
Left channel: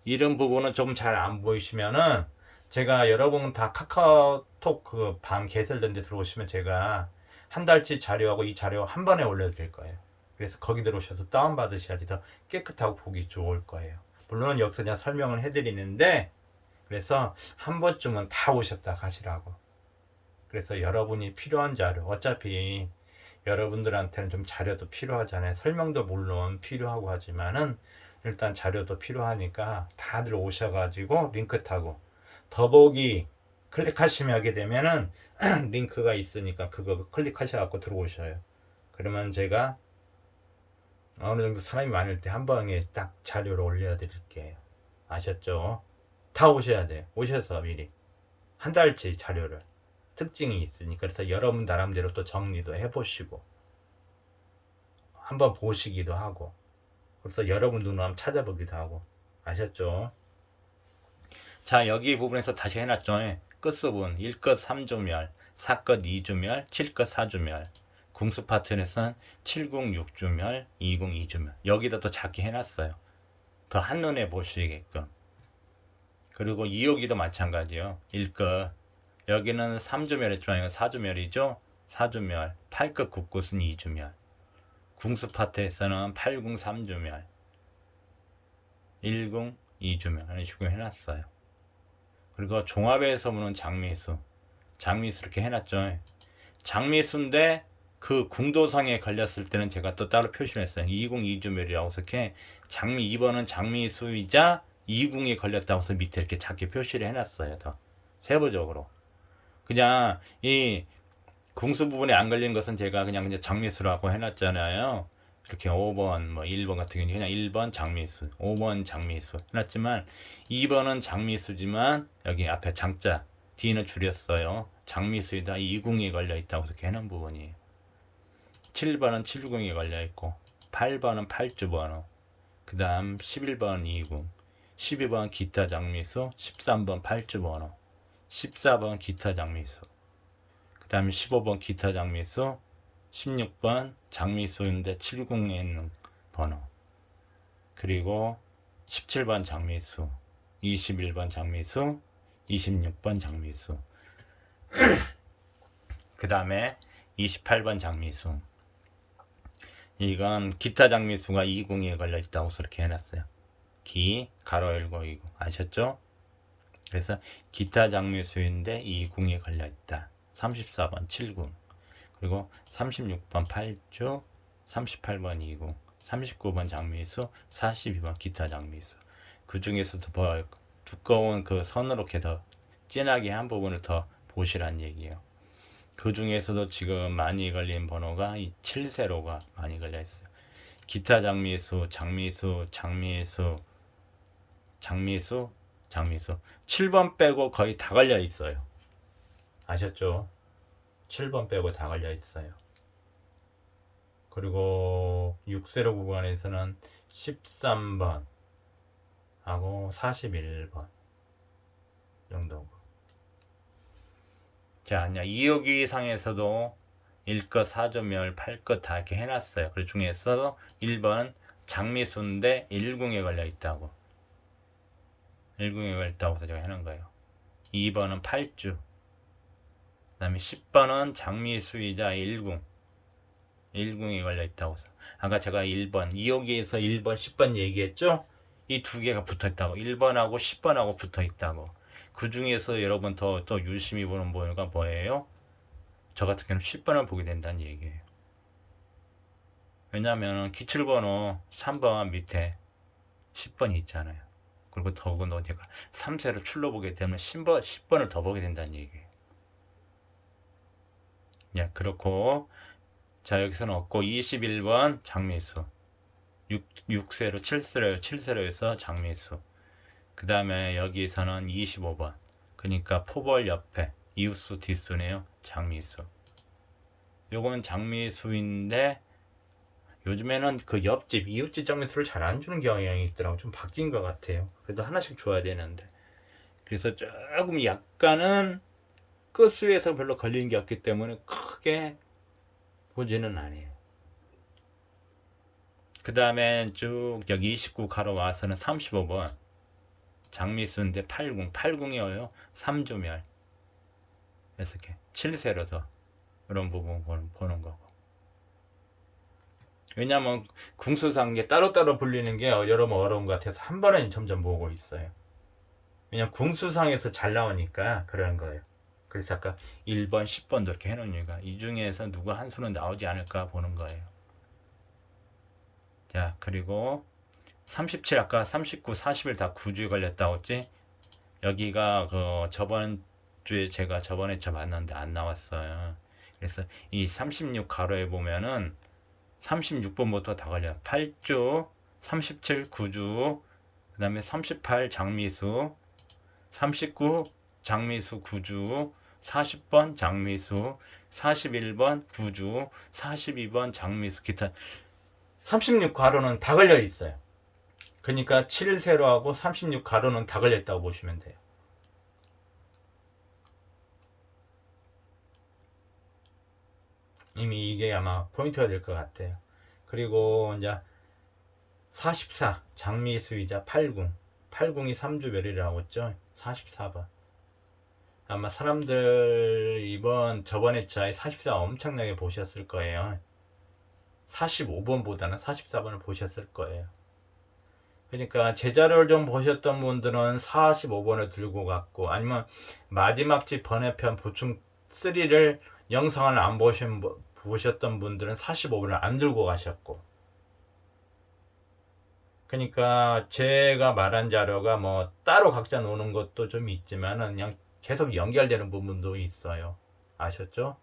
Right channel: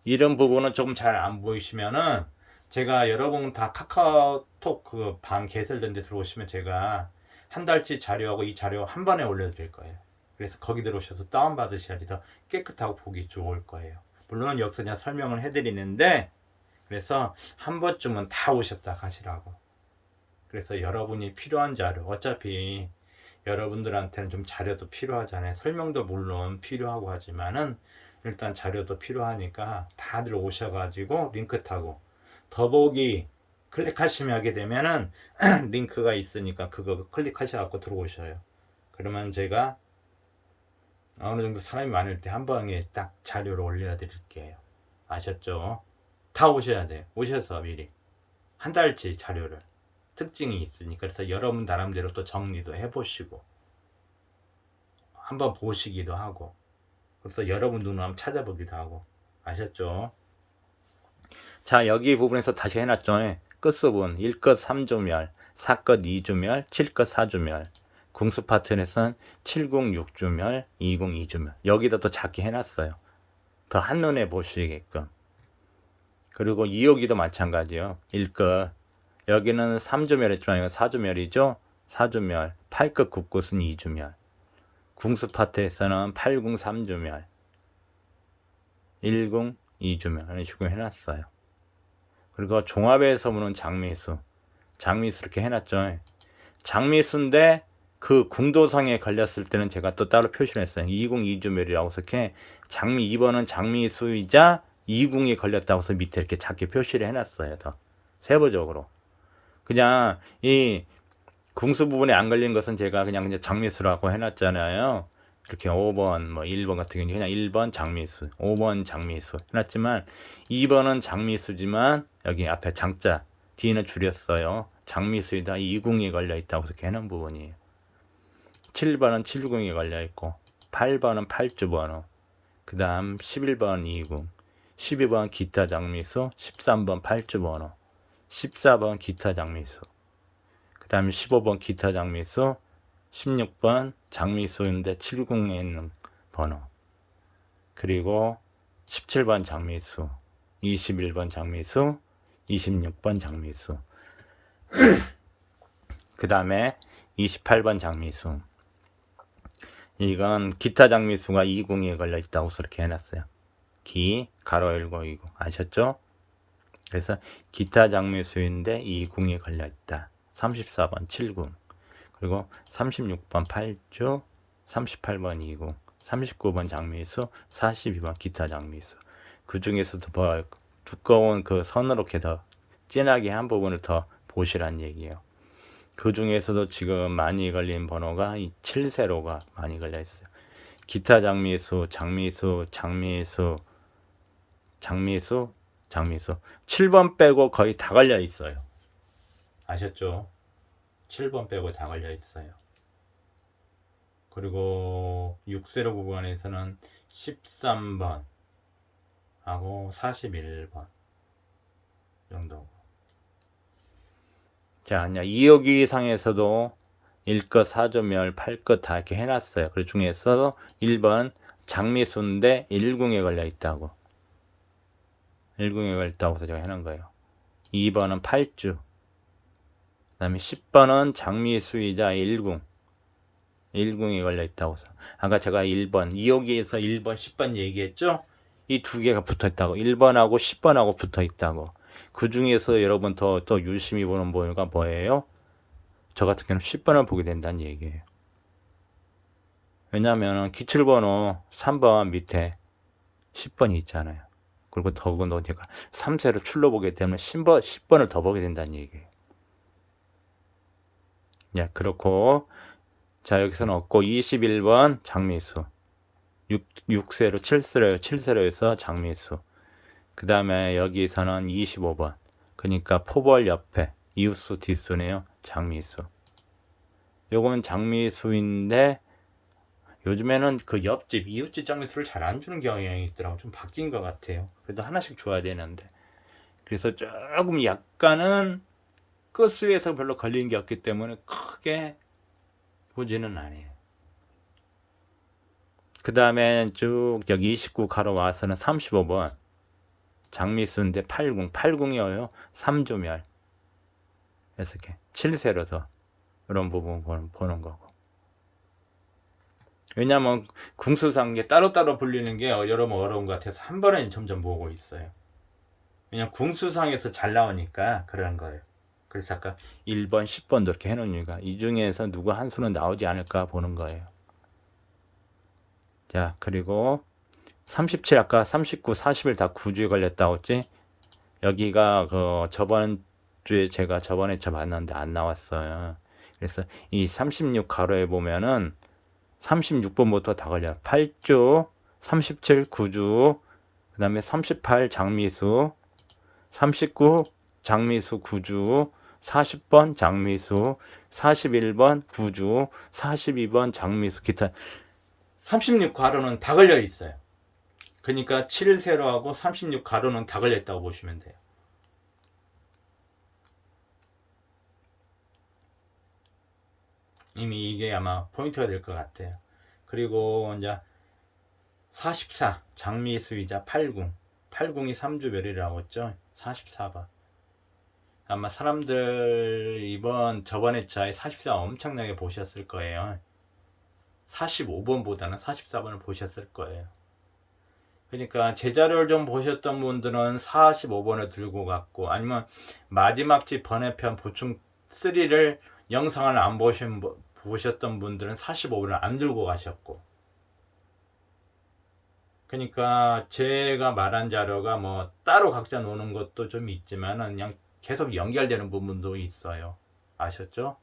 이런 부분은 조금 잘 안 보이시면은 제가 여러분 다 카카오톡 그 방 개설된 데 들어오시면 제가 한 달치 자료하고 이 자료 한 번에 올려드릴 거예요. 그래서 거기 들어오셔서 다운받으셔야지 더 깨끗하고 보기 좋을 거예요. 물론 여기서 그냥 설명을 해드리는데 그래서 한 번쯤은 다 오셨다 가시라고. 그래서 여러분이 필요한 자료 어차피 여러분들한테는 좀 자료도 필요하잖아요. 설명도 물론 필요하고 하지만은 일단 자료도 필요하니까 다들 오셔가지고 링크 타고 더보기 클릭하시면 하게 되면은 링크가 있으니까 그거 클릭하셔갖고 들어오셔요. 그러면 제가 어느 정도 사람이 많을 때 한 방에 딱 자료를 올려 드릴게요. 아셨죠? 다 오셔야 돼요. 오셔서 미리 한 달치 자료를 특징이 있으니까 그래서 여러분 나름대로 또 정리도 해보시고 한번 보시기도 하고 그래서 여러분 눈으로 한번 찾아보기도 하고 아셨죠? 자 여기 부분에서 다시 해놨죠. 끝수분 1끝 3주멸, 4끝 2주멸, 7끝 4주멸. 궁수 파트에서는 70 6주멸, 20 2주멸. 여기다 또 작게 해놨어요. 더 한눈에 보시게끔. 그리고 2호기도 마찬가지요. 1끝. 여기는 3주멸 했지만 이건 4주멸이죠. 4주멸. 8끝 9끝은 2주멸. 궁수 파트에서는 80 3주멸, 10 2주멸 이런 식으로 해놨어요. 그리고 종합에서 보는 장미수. 장미수 이렇게 해놨죠. 장미수인데 그 궁도상에 걸렸을 때는 제가 또 따로 표시를 했어요. 20 2주멸이라고 이렇게 장미 2번은 장미수이자 2궁에 걸렸다고 해서 밑에 이렇게 작게 표시를 해놨어요. 더 세부적으로. 그냥 이 궁수 부분에 안 걸린 것은 제가 그냥 장미수라고 해놨잖아요. 이렇게 5번, 뭐 1번 같은 경우는 그냥 1번 장미수, 5번 장미수 해놨지만 2번은 장미수지만 여기 앞에 장자, 뒤는 줄였어요. 장미수이다 2궁에 걸려있다고 이렇게 해놓은 부분이에요. 7번은 7궁에 걸려있고 8번은 8주 번호, 그 다음 11번 2궁, 12번 기타 장미수, 13번 8주 번호, 14번 기타 장미수, 그 다음에 15번 기타 장미수, 16번 장미수인데 7궁에 있는 번호, 그리고 17번 장미수, 21번 장미수, 26번 장미수, 그 다음에 28번 장미수. 이건 기타 장미수가 2궁에 걸려 있다고 이렇게 해놨어요. 기 가로 열고 2궁 아셨죠? 그래서 기타 장미수인데 2궁에 걸려 있다. 34번 7궁, 그리고 36번 8주, 38번 2궁, 39번 장미수, 42번 기타 장미수. 그 중에서도 더 두꺼운 그 선으로 이렇게 더 진하게 한 부분을 더 보시란 얘기예요. 그 중에서도 지금 많이 걸린 번호가 이 7세로가 많이 걸려 있어요. 기타 장미수, 장미수, 장미수, 장미수, 장미수. 7번 빼고 거의 다 걸려 있어요. 아셨죠? 7번 빼고 다 걸려 있어요. 그리고 6세로 구간에서는 13번 하고 41번 정도고. 자, 2호기 상에서도 1끝 4주멸 8끝 다 이렇게 해놨어요. 그 중에서 1번 장미수인데 1궁에 걸려 있다고. 1궁에 걸려 있다고 해서 제가 해놓은 거예요. 2번은 8주. 그 다음에 10번은 장미수이자 1궁. 1궁에 걸려 있다고 해서. 아까 제가 1번, 2호기에서 1번, 10번 얘기했죠? 이 두 개가 붙어 있다고. 1번하고 10번하고 붙어 있다고. 그 중에서 여러분 또 유심히 보는 번호가 뭐예요? 저 같은 경우는 10번을 보게 된다는 얘기예요. 왜냐하면 기출번호 3번 밑에 10번이 있잖아요. 그리고 더군다나 제가 3세로 출로 보게 되면 10번을 더 보게 된다는 얘기예요. 예, 그렇고 자 여기서는 없고 21번 장미수 6세로 7세로 해서 장미수. 그 다음에 여기서는 25번. 그러니까 포벌 옆에 이웃수 뒷수네요. 장미수. 요건 장미수인데 요즘에는 그 옆집 이웃집 장미수를 잘 안 주는 경향이 있더라고. 좀 바뀐 것 같아요. 그래도 하나씩 줘야 되는데. 그래서 조금 약간은 끝수에서 별로 걸린 게 없기 때문에 크게 보지는 않아요. 그 다음에 쭉 여기 29 가로 와서는 35번 장미수인데 8궁이어요. 3주멸. 그래서 이렇게 7세로 더 이런 부분 보는 거고. 왜냐면 궁수상 게 따로따로 불리는 게 여러분 어려운 것 같아서 한 번에 점점 보고 있어요. 왜냐면 궁수상에서 잘 나오니까 그런 거예요. 그래서 아까 1번, 10번도 이렇게 해놓은 이유가 이 중에서 누구 한 수는 나오지 않을까 보는 거예요. 자, 그리고 37 아까 39, 40일 다 9주에 걸렸다고 했지? 여기가 그 저번 주에 제가 저번에 봤는데 안 나왔어요. 그래서 이 36 가로에 보면은 36번부터 다 걸려요. 8주, 37 9주, 그 다음에 38 장미수, 39 장미수 9주, 40번 장미수, 41번 9주, 42번 장미수 기타 36 가로는 다 걸려 있어요. 그러니까 7세로하고 36 가로는 다 걸려 있다고 보시면 돼요. 이미 이게 아마 포인트가 될 것 같아요. 그리고 이제 44 장미수이자 80 80이 3주 별이라고 했죠. 44번 아마 사람들 저번에 차에 44 엄청나게 보셨을 거예요. 45번보다는 44번을 보셨을 거예요. 그러니까 제 자료를 좀 보셨던 분들은 45번을 들고 갔고, 아니면 마지막 집 번외편 보충 3를 영상을 안 보셨던 분들은 45번을 안 들고 가셨고, 그러니까 제가 말한 자료가 뭐 따로 각자 노는 것도 좀 있지만은 그냥 계속 연결되는 부분도 있어요. 아셨죠?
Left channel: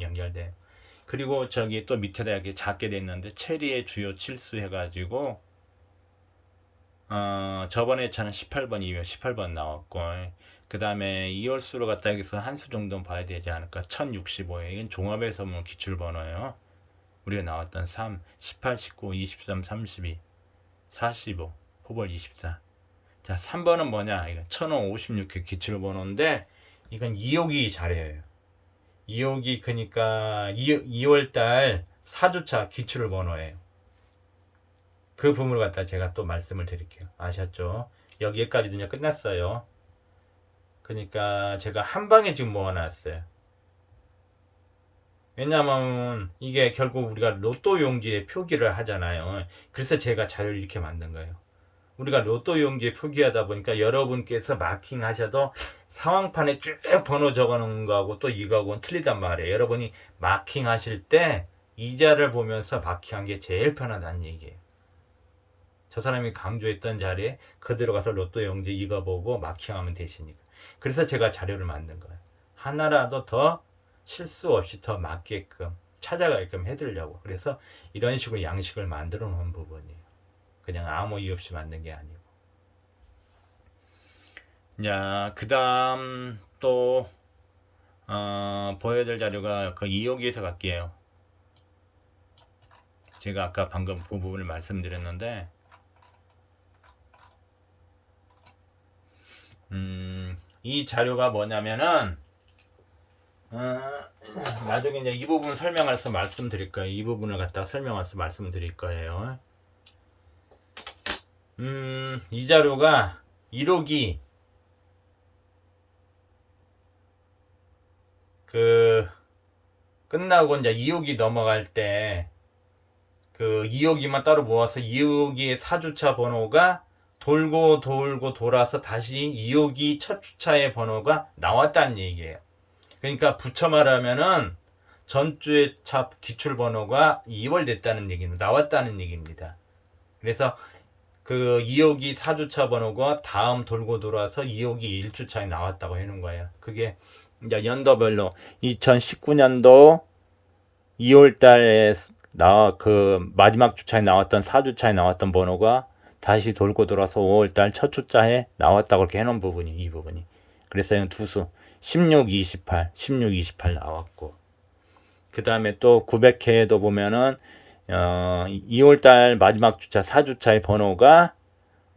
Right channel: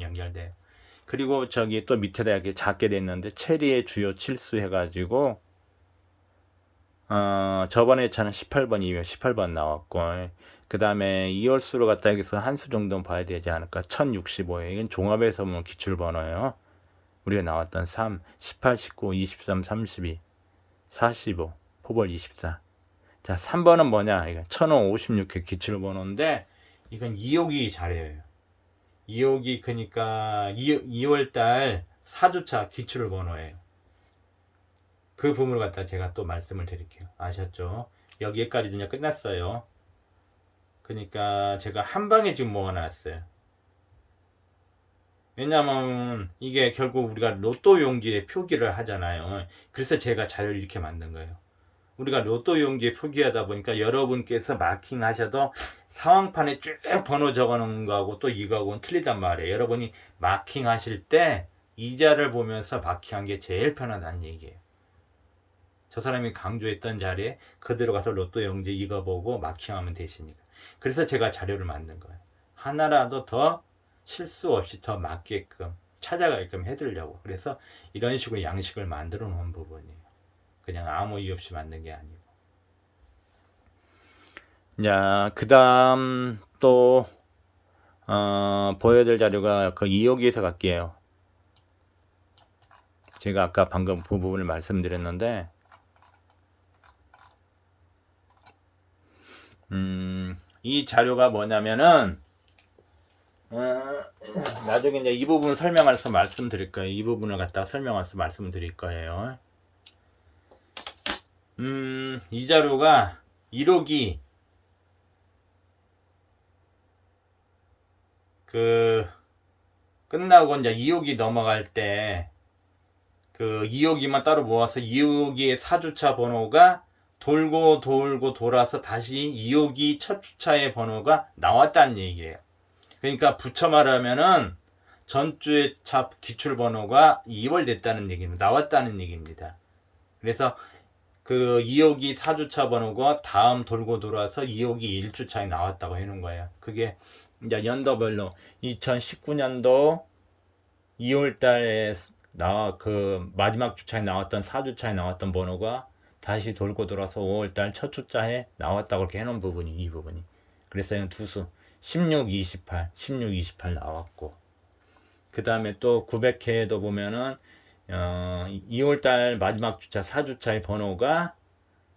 연결돼요. 그리고 저기 또 밑에다 이렇게 작게 됐는데 체리의 주요 칠수 해가지고 저번에 차는 18번 이후에 18번 나왔고, 그 다음에 2월수로 갖다 여기서 한 수 정도는 봐야 되지 않을까. 1065에 이건 종합에서 뭐 기출번호예요. 우리가 나왔던 3, 18, 19, 23, 32, 45, 포벌 24. 자, 3번은 뭐냐? 이거 1056회 기출번호인데 이건 2호기 자료예요. 2호기 그러니까 2월달 4주차 기출번호예요. 그 부분을 갖다 제가 또 말씀을 드릴게요. 아셨죠? 여기까지도 끝났어요. 그러니까 제가 한 방에 지금 모아놨어요. 왜냐면 이게 결국 우리가 로또 용지에 표기를 하잖아요. 그래서 제가 자료를 이렇게 만든 거예요. 우리가 로또 용지에 표기하다 보니까 여러분께서 마킹 하셔도 상황판에 쭉 번호 적어놓은 거하고 또 이거하고는 틀리단 말이에요. 여러분이 마킹 하실 때 이자를 보면서 마킹한 게 제일 편하다는 얘기예요. 저 사람이 강조했던 자리에 그대로 가서 로또 용지 이거 보고 마킹하면 되시니까. 그래서 제가 자료를 만든 거예요. 하나라도 더 실수 없이 더 맞게끔 찾아가게끔 해드리려고. 그래서 이런 식으로 양식을 만들어 놓은 부분이에요. 그냥 아무 이유 없이 만든 게 아니고. 자, 그 다음 또 보여드릴 자료가 그 2호기에서 갈게요. 제가 아까 방금 그 부분을 말씀드렸는데 이 자료가 뭐냐면은 나중에 이제 이 부분 설명해서 말씀드릴 거예요. 이 부분을 갖다가 설명해서 말씀드릴 거예요. 이 자료가 1호기 끝나고 이제 2호기 넘어갈 때 그 2호기만 따로 모아서 2호기의 4주차 번호가 돌고 돌아서 다시 2호기 첫 주차의 번호가 나왔다는 얘기예요. 그러니까 붙여 말하면은 전주의 차 기출 번호가 2월 됐다는 얘기는 나왔다는 얘기입니다. 그래서 그 2호기 4주차 번호가 다음 돌고 돌아서 2호기 1주차에 나왔다고 해놓은 거예요. 그게 이제 연도별로 2019년도 2월달에 그 마지막 주차에 나왔던 4주차에 나왔던 번호가 다시 돌고 돌아서 5월달 첫 주차에 나왔다고 이렇게 해놓은 부분이 이 부분이. 그래서 두수 16, 28, 16, 28 나왔고, 그 다음에 또 900회에도 보면은 2월달 마지막 주차 4주차의 번호가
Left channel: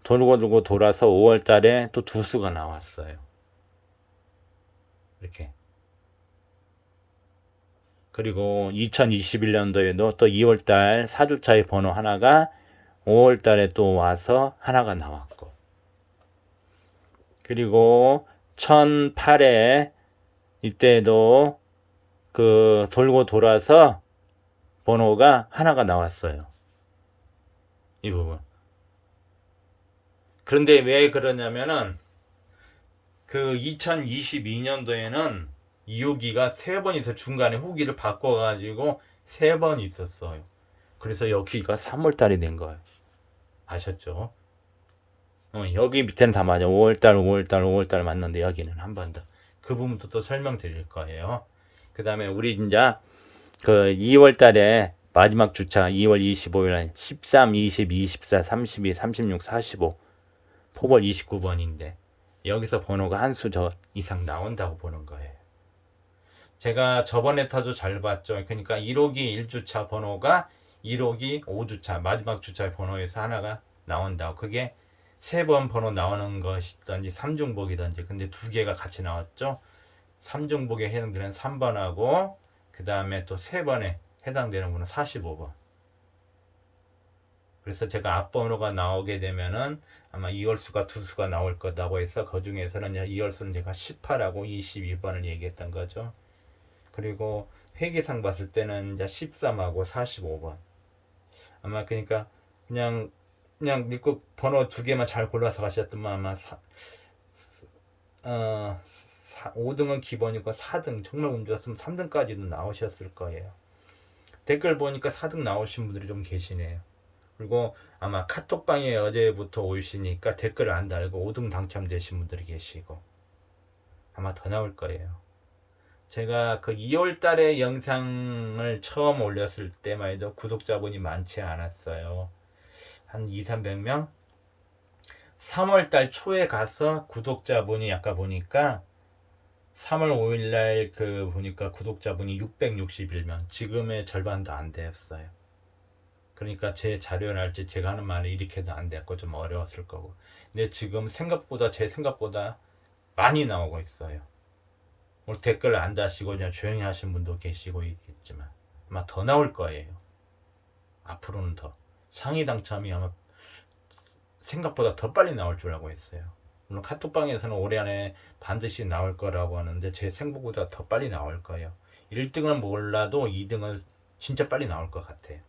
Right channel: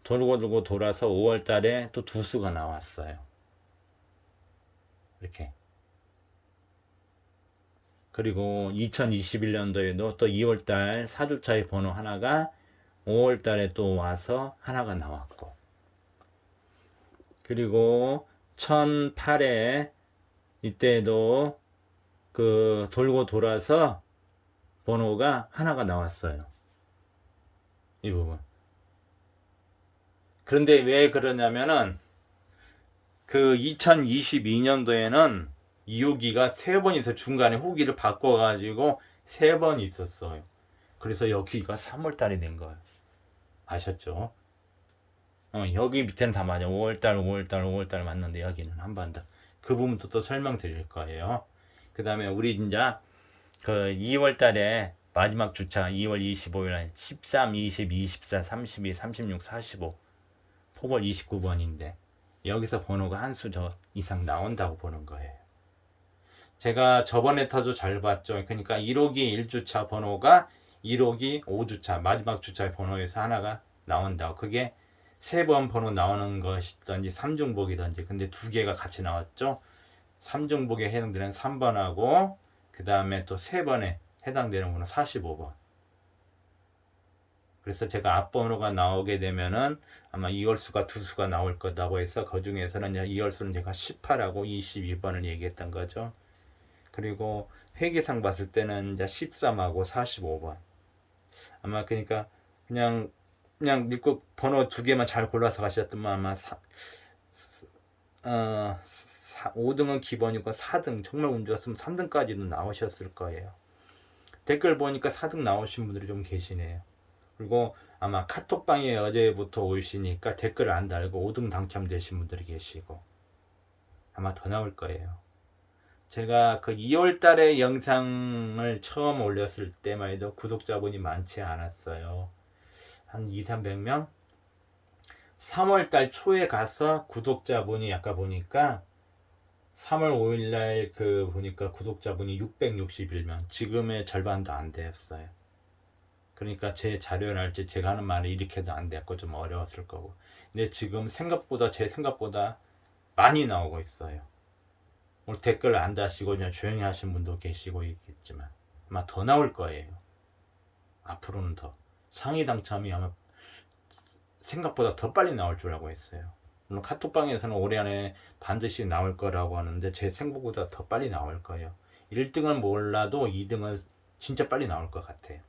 돌고 돌아서 5월달에 또 두수가 나왔어요. 이렇게. 그리고 2021년도에도 또 2월달 4주차의 번호 하나가 5월달에 또 와서 하나가 나왔고, 그리고 1008에 이때도 그 돌고 돌아서 번호가 하나가 나왔어요. 이 부분. 그런데 왜 그러냐면은 그 2022년도에는 2호기가 3번 있어. 중간에 후기를 바꿔가지고 3번 있었어요. 그래서 여기가 3월달이 된 거예요. 아셨죠? 여기 밑에는 다 맞아. 5월달 맞는데 여기는 한 번 더. 그 부분도 또 설명드릴 거예요. 그 다음에 우리 이제 그 2월달에 마지막 주차 2월 25일 13, 20, 24, 32, 36, 45 포벌 29번인데 여기서 번호가 한 수 저 이상 나온다고 보는 거예요. 제가 저번에 타도 잘 봤죠. 그러니까 1호기 1주차 번호가 1호기 5주차 마지막 주차의 번호에서 하나가 나온다고. 그게 3번 번호 나오는 것이든지 3중복이든지. 근데 두 개가 같이 나왔죠. 3중복에 해당되는 3번하고 그 그 다음에 또 3번에 해당되는 번호 45번. 그래서 제가 앞번호가 나오게 되면은 아마 이월수가 2수가 나올 거라고 해서 그 중에서는 이월수는 제가 18하고 22번을 얘기했던 거죠. 그리고 회계상 봤을 때는 이제 13하고 45번. 아마 그러니까 그냥 믿고 번호 2개만 잘 골라서 가셨더만 아마 5등은 기본이고 4등 정말 운 좋았으면 3등까지도 나오셨을 거예요. 댓글 보니까 4등 나오신 분들이 좀 계시네요. 그리고 아마 카톡방에 어제부터 오시니까 댓글을 안 달고 5등 당첨되신 분들이 계시고 아마 더 나올 거예요. 제가 그 2월 달에 영상을 처음 올렸을 때만 해도 구독자분이 많지 않았어요. 한 200~300명? 3월 달 초에 가서 구독자분이 아까 보니까 3월 5일 날 그 보니까 구독자분이 661명. 지금의 절반도 안 되었어요. 그러니까 제 자료랄지 제가 하는 말이 이렇게도 안 됐고 좀 어려웠을 거고. 근데 지금 생각보다 제 생각보다 많이 나오고 있어요. 오늘 댓글 안 다시고 그냥 조용히 하신 분도 계시고 있겠지만 아마 더 나올 거예요. 앞으로는 더 상위 당첨이 아마 생각보다 더 빨리 나올 줄 알고 있어요. 물론 카톡방에서는 올해 안에 반드시 나올 거라고 하는데 제 생각보다 더 빨리 나올 거예요. 1등은 몰라도 2등은 진짜 빨리 나올 것 같아요.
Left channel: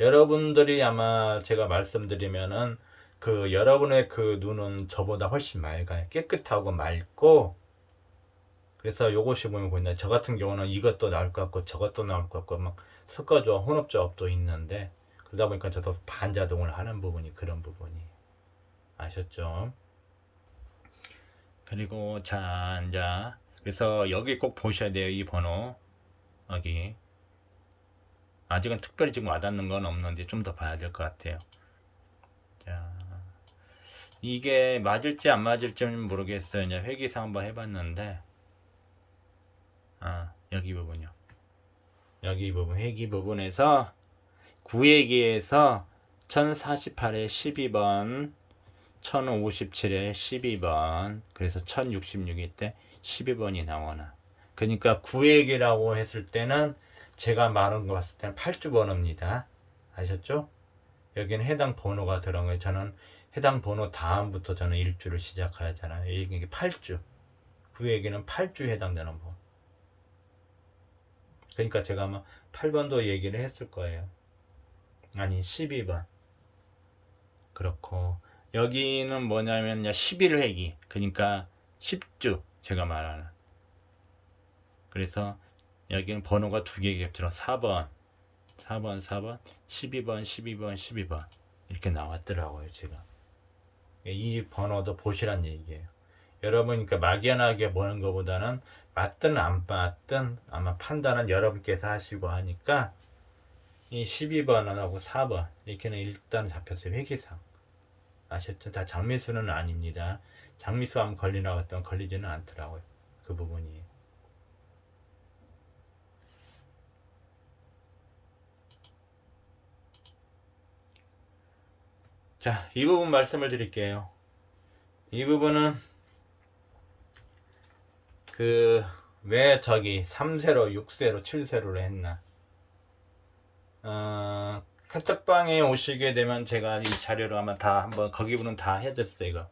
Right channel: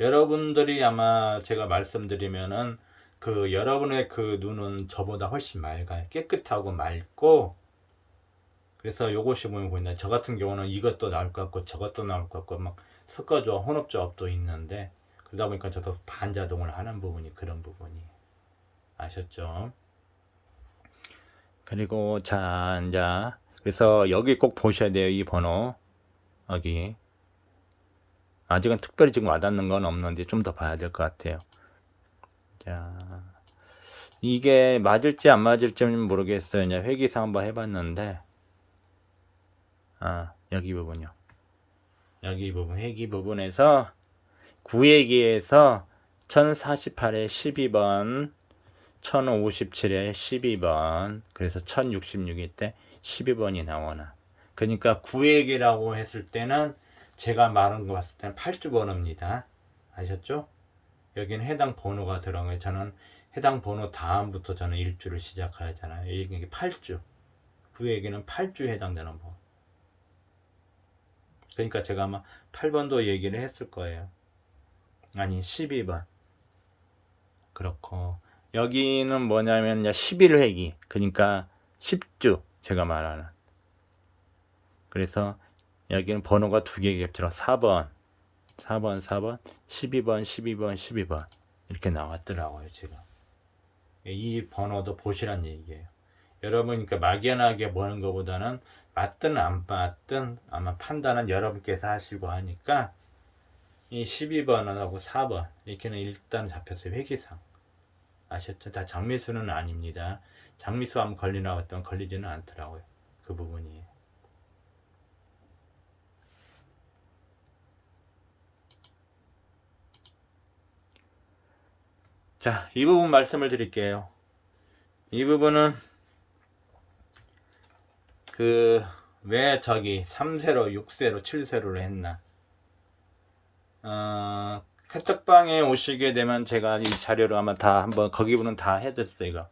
여러분들이 아마 제가 말씀드리면은 그 여러분의 그 눈은 저보다 훨씬 맑아요. 깨끗하고 맑고, 그래서 요것이 보면 보인다. 저 같은 경우는 이것도 나올 것 같고 저것도 나올 것 같고 막 섞어줘 혼합조합도 있는데, 그러다 보니까 저도 반자동을 하는 부분이 그런 부분이 아셨죠? 그리고 자 이제 그래서 여기 꼭 보셔야 돼요. 이 번호 여기 아직은 특별히 지금 와닿는 건 없는데 좀 더 봐야 될 것 같아요. 자, 이게 맞을지 안 맞을지는 모르겠어요. 이제 회계사 한번 해봤는데, 여기 부분요. 여기 부분 회계 부분에서 구회계에서 1048에 12번, 1057에 12번, 그래서 1066일 때 12번이 나오나. 그러니까 구회계라고 했을 때는 제가 말한 거 봤을 때는 8주 번호입니다. 아셨죠? 여기는 해당 번호가 들어간 거예요. 저는 해당 번호 다음부터 저는 일주를 시작하잖아요. 이게 8주. 구에게는 8주 해당되는 번. 그러니까 제가 아마 8번도 얘기를 했을 거예요. 아니 12번. 그렇고 여기는 뭐냐면 11회기. 그러니까 10주 제가 말하는. 그래서 여기는 번호가 2개 겹쳐서 4번, 4번, 4번, 12번, 12번, 12번 이렇게 나왔더라고요 지금. 이 번호도 보시란 얘기예요. 여러분 그러니까 막연하게 보는 것보다는 맞든 안 맞든 아마 판단은 여러분께서 하시고 하니까 이 12번하고 4번 이렇게는 일단 잡혔어요. 회계상 아셨죠? 다 장미수는 아닙니다. 장미수 하면 걸리나 했던 걸리지는 않더라고요. 그 부분이. 자, 이 부분 말씀을 드릴게요. 이 부분은 왜 저기 3세로, 6세로, 7세로를 했나? 카톡방에 오시게 되면 제가 이 자료를 아마 다 한번 거기 분은 다 해줬어요. 이거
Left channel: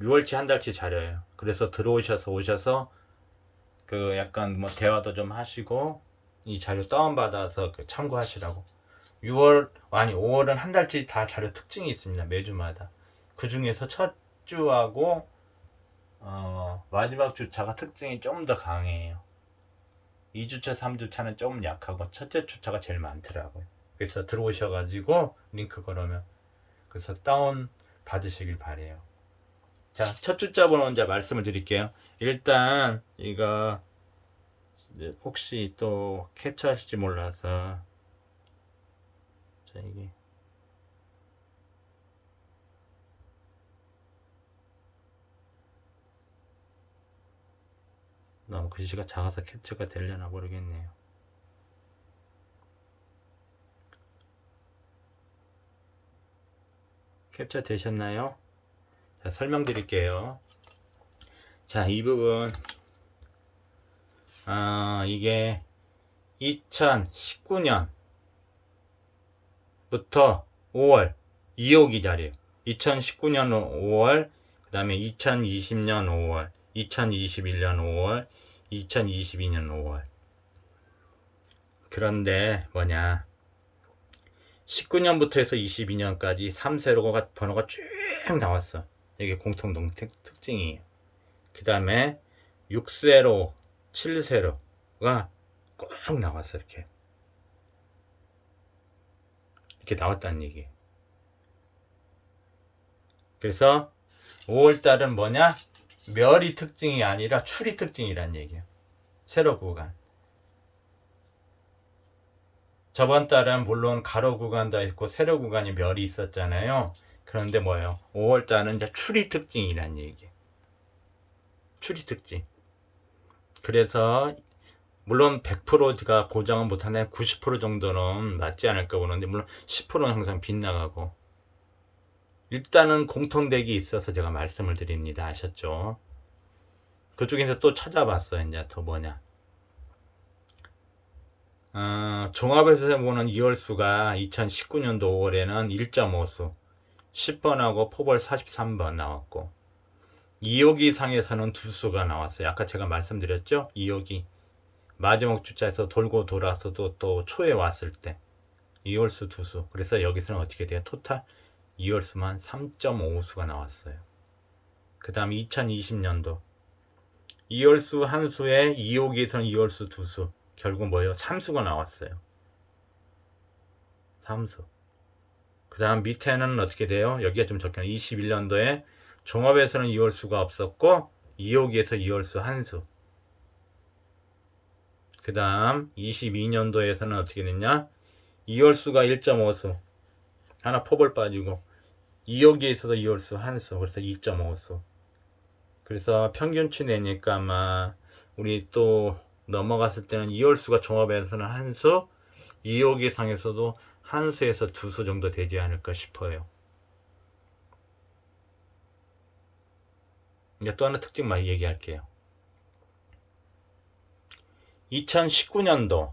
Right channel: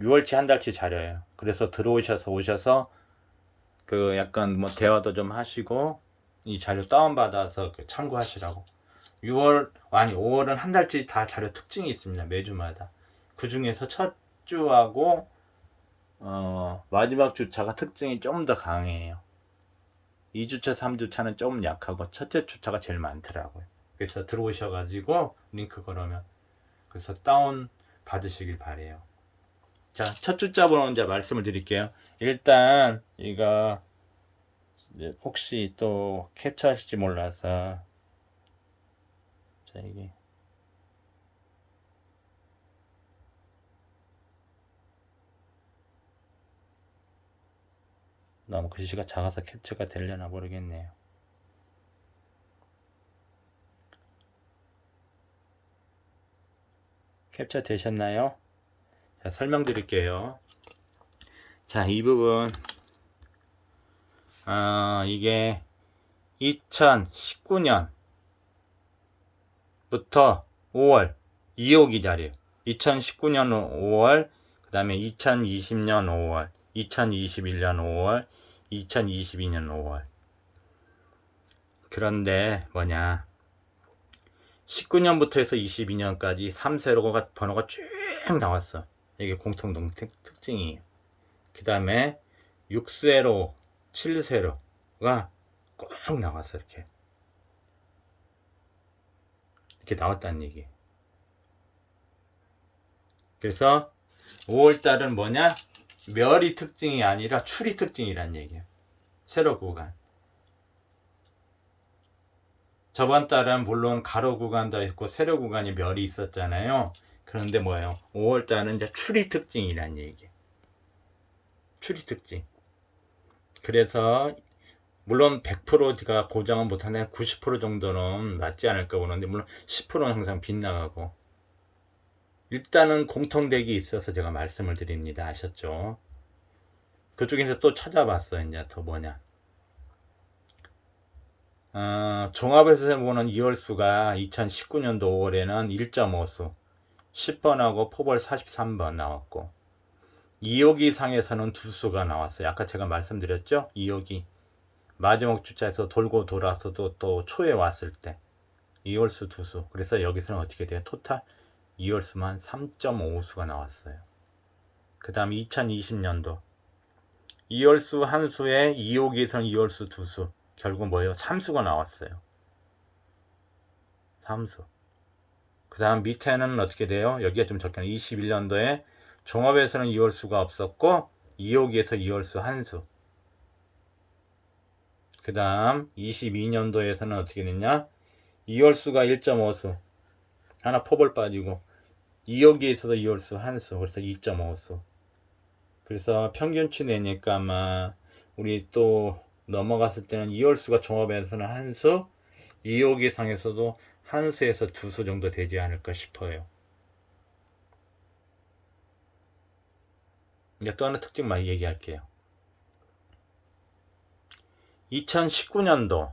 6월치 한 달치 자료예요. 그래서 오셔서 그 약간 뭐 대화도 좀 하시고 이 자료 다운받아서 참고하시라고. 5월은 한 달치 다 자료 특징이 있습니다. 매주마다. 그 중에서 첫 주하고 마지막 주차가 특징이 좀 더 강해요. 2주차, 3주차는 좀 약하고 첫째 주차가 제일 많더라고요. 그래서 들어오셔가지고 링크 걸으면 그래서 다운 받으시길 바래요. 자, 첫 주차 번호 이제 말씀을 드릴게요. 일단 이거 혹시 또 캡처하실지 몰라서 자 이게 너무 글씨가 작아서 캡처가 되려나 모르겠네요. 캡처 되셨나요? 자, 설명드릴게요. 자, 이 부분 이게 2019년부터 5월 2호기 자리에요. 2019년 5월, 그 다음에 2020년 5월, 2021년 5월, 2022년 5월. 그런데 뭐냐, 19년부터 해서 22년까지 3세로가 번호가 쭉 나왔어. 이게 공통동 특징이에요. 그 다음에 6세로, 7세로가 꼭 나왔어. 이렇게 나왔다는 얘기예요. 그래서 5월달은 뭐냐, 멸이 특징이 아니라 출이 특징이란 얘기예요. 세로 구간. 저번 달은 물론 가로 구간도 있고 세로 구간이 멸이 있었잖아요. 그런데 뭐예요? 5월달은 이제 출이 특징이란 얘기예요. 출이 특징. 그래서 물론 100%가 보장은 못하는데 90% 정도는 맞지 않을까 보는데, 물론 10%는 항상 빗나가고. 일단은 공통되기 있어서 제가 말씀을 드립니다. 아셨죠? 그쪽에서 또 찾아봤어요. 이제 더 뭐냐, 종합에서 보는 2월수가 2019년도 5월에는 1.5수 10번하고 포벌 43번 나왔고, 2호기 상에서는 2수가 나왔어요. 아까 제가 말씀드렸죠? 2호기 마지막 주자에서 돌고 돌아서도 또 초에 왔을 때 2월수 2수. 그래서 여기서는 어떻게 돼요? 토탈 2월수만 3.5수가 나왔어요. 그 다음 2020년도 2월수 한 수에 2호기에서는 2월수 2수, 결국 뭐예요? 3수가 나왔어요. 3수. 그 다음 밑에는 어떻게 돼요? 여기가 좀 적혀요. 21년도에 종합에서는 2월수가 없었고 2호기에서 2월수 한 수. 그 다음 22년도에서는 어떻게 됐냐, 2월수가 1.5수 하나 포벌 빠지고, 2호기에서도 2월수 한 수, 그래서 2.5수. 그래서 평균치 내니까 아마 우리 또 넘어갔을 때는 2월수가 종합에서는 한 수, 2호기 상에서도 한 수에서 2수 정도 되지 않을까 싶어요. 이제 또 하나 특징만 얘기할게요. 2019년도,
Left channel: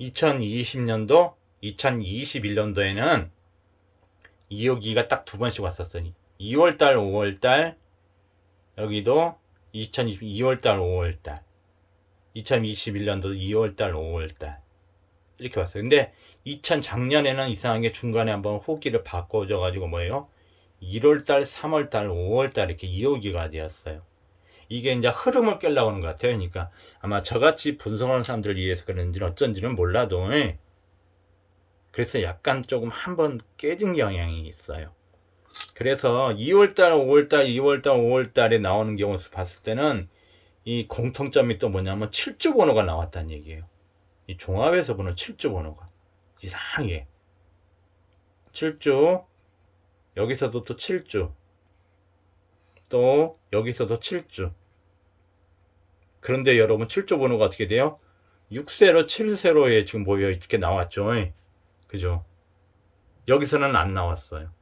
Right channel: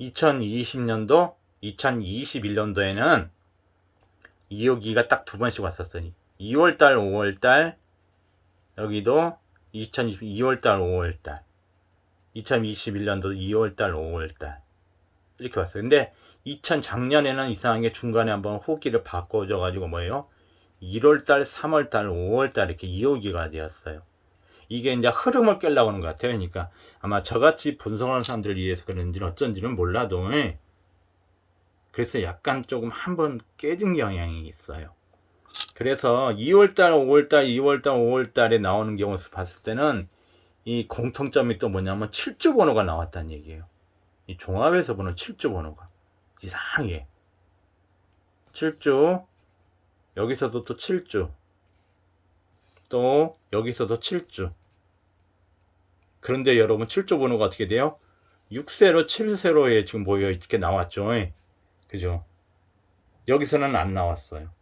2020년도, 2021년도에는 2호기가 딱 두 번씩 왔었으니 2월달, 5월달, 여기도 2020 2월달, 5월달, 2021년도 2월달, 5월달 이렇게 왔어요. 근데 작년에는 이상하게 중간에 한번 호기를 바꿔줘 가지고 뭐예요? 1월달, 3월달, 5월달 이렇게 2호기가 되었어요. 이게 이제 흐름을 깨려고 하는 것 같아요. 그러니까 아마 저같이 분석하는 사람들을 위해서 그런지는 어쩐지는 몰라도, 그래서 약간 조금 한번 깨진 경향이 있어요. 그래서 2월달, 5월달, 2월달, 5월달에 나오는 경우 봤을 때는 이 공통점이 또 뭐냐면 7주 번호가 나왔다는 얘기예요. 이 종합에서 보는 7주 번호가 이상해. 7주, 여기서도 또 7주, 또 여기서도 7주. 그런데 여러분 7주 번호가 어떻게 돼요? 6세로 7세로에 지금 모여 이렇게 나왔죠. 그죠? 여기서는 안 나왔어요.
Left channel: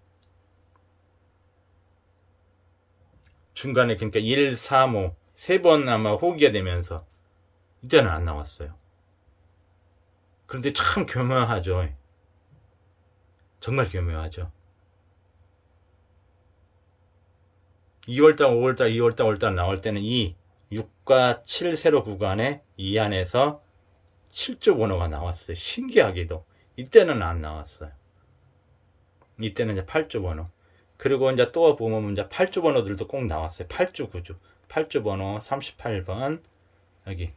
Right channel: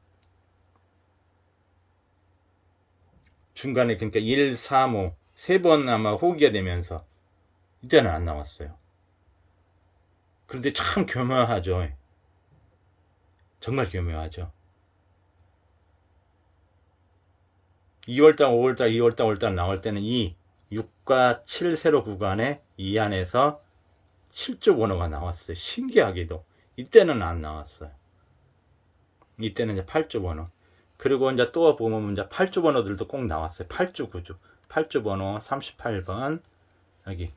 중간에 그러니까 1, 3, 5 세 번 아마 호기가 되면서 이때는 안 나왔어요. 그런데 참 교묘하죠. 정말 교묘하죠. 2월달, 5월달, 2월달, 5월달 나올 때는 이 6과 7 세로 구간에 이 안에서 7주 번호가 나왔어요. 신기하게도 이때는 안 나왔어요. 이때는 이제 8주 번호. 그리고 이제 또 보면 이제 8주 번호들도 꼭 나왔어요. 8주, 9주. 8주 번호 38번, 여기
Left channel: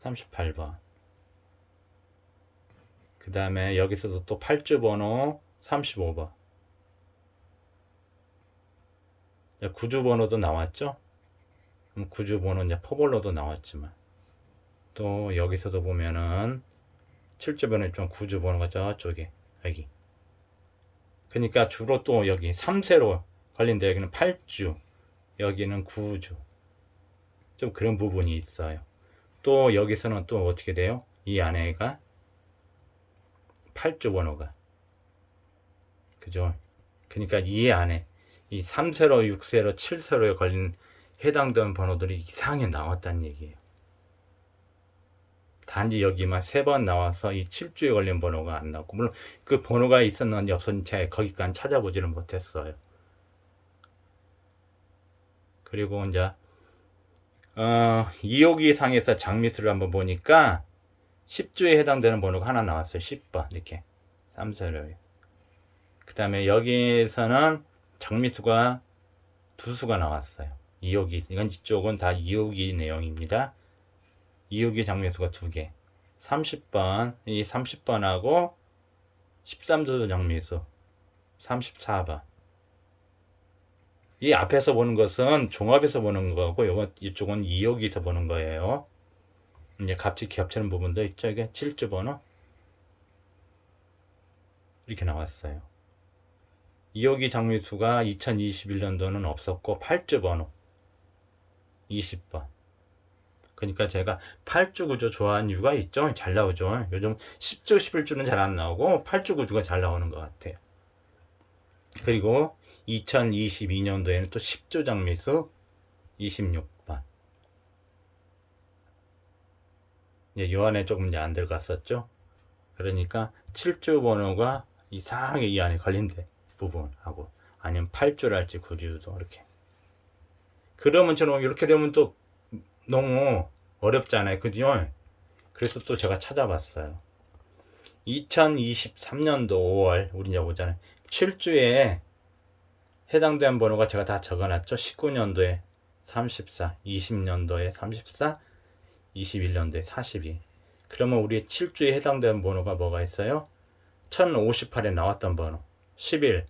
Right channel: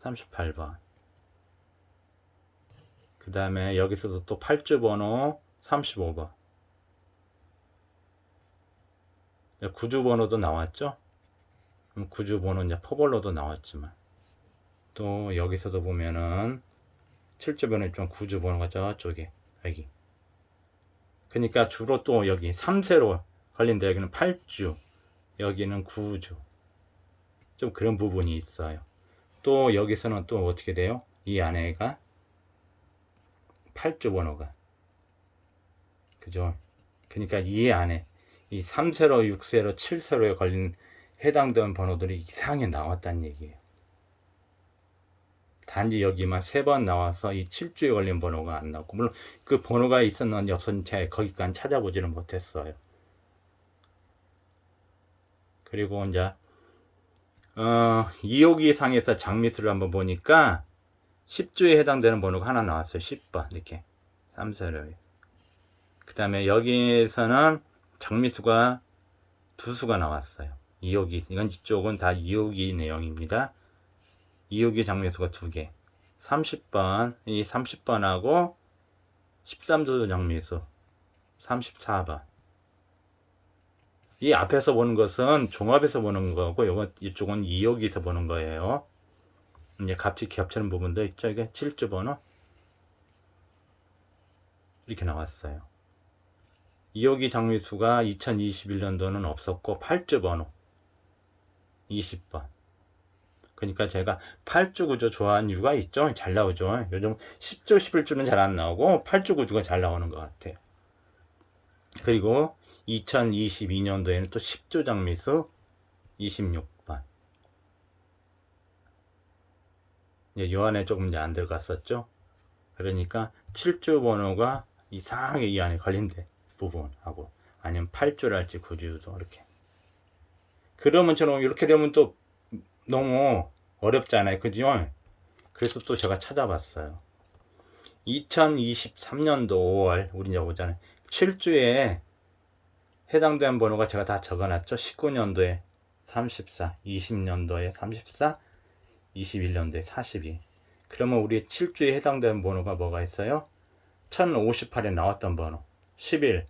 38번. 그 다음에 여기서도 또 8주 번호 35번. 9주 번호도 나왔죠. 9주 번호 이제 포벌로도 나왔지만, 또 여기서도 보면은 7주 번호 좀 9주 번호가 저쪽에 여기. 그러니까 주로 또 여기 3세로 걸린데 여기는 8주, 여기는 9주. 좀 그런 부분이 있어요. 또 여기서는 또 어떻게 돼요? 이 안에가 8주 번호가, 그죠? 그러니까 이 안에 이 3세로, 6세로, 7세로에 걸린 해당되는 번호들이 이상하게 나왔다는 얘기예요. 단지 여기만 3번 나와서 이 7주에 걸린 번호가 안 나왔고, 물론 그 번호가 있었는지 없었는지 제가 거기까지 찾아보지는 못했어요. 그리고 이제 2호기 상에서 장미수를 한번 보니까 10주에 해당되는 번호가 하나 나왔어요. 10번 이렇게 3세로. 그 다음에 여기에서는 장미수가 2수가 나왔어요. 2호기, 이건 이쪽은 다 2호기 내용입니다. 2호기 장미수가 2개. 30번, 이 30번하고 13수 장미수 34번. 이 앞에서 보는 것은 종합에서 보는 거고, 이쪽은 2호기에서 보는 거예요. 이제 값이 겹치는 부분도 있죠. 이게 7주 번호 이렇게 나왔어요. 2호기 장미수가 2021년도는 없었고 8주 번호 20번. 그러니까 제가 8주 구조 좋아하는 이유가 있죠. 잘 나오죠. 요즘 10주 11주는 잘 안 나오고 8주 구조가 잘 나오는 것 같아요. 그리고 2022년도에는 또 10주 장미수 26번. 요 안에 조금 이제 안 들어갔었죠. 그러니까 7주 번호가 이상하게 이 안에 걸린대 부분하고, 아니면 8주랄지 9주도 이렇게. 그러면 저는 이렇게 되면 또 너무 어렵잖아요. 그죠? 그래서 또 제가 찾아봤어요. 2023년도 5월 우리 이제 오잖아요. 7주에 해당되는 번호가 제가 다 적어놨죠. 19년도에 34, 20년도에 34, 21년도에 42. 그러면 우리 7주에 해당되는 번호가 뭐가 있어요? 1058에 나왔던 번호 11,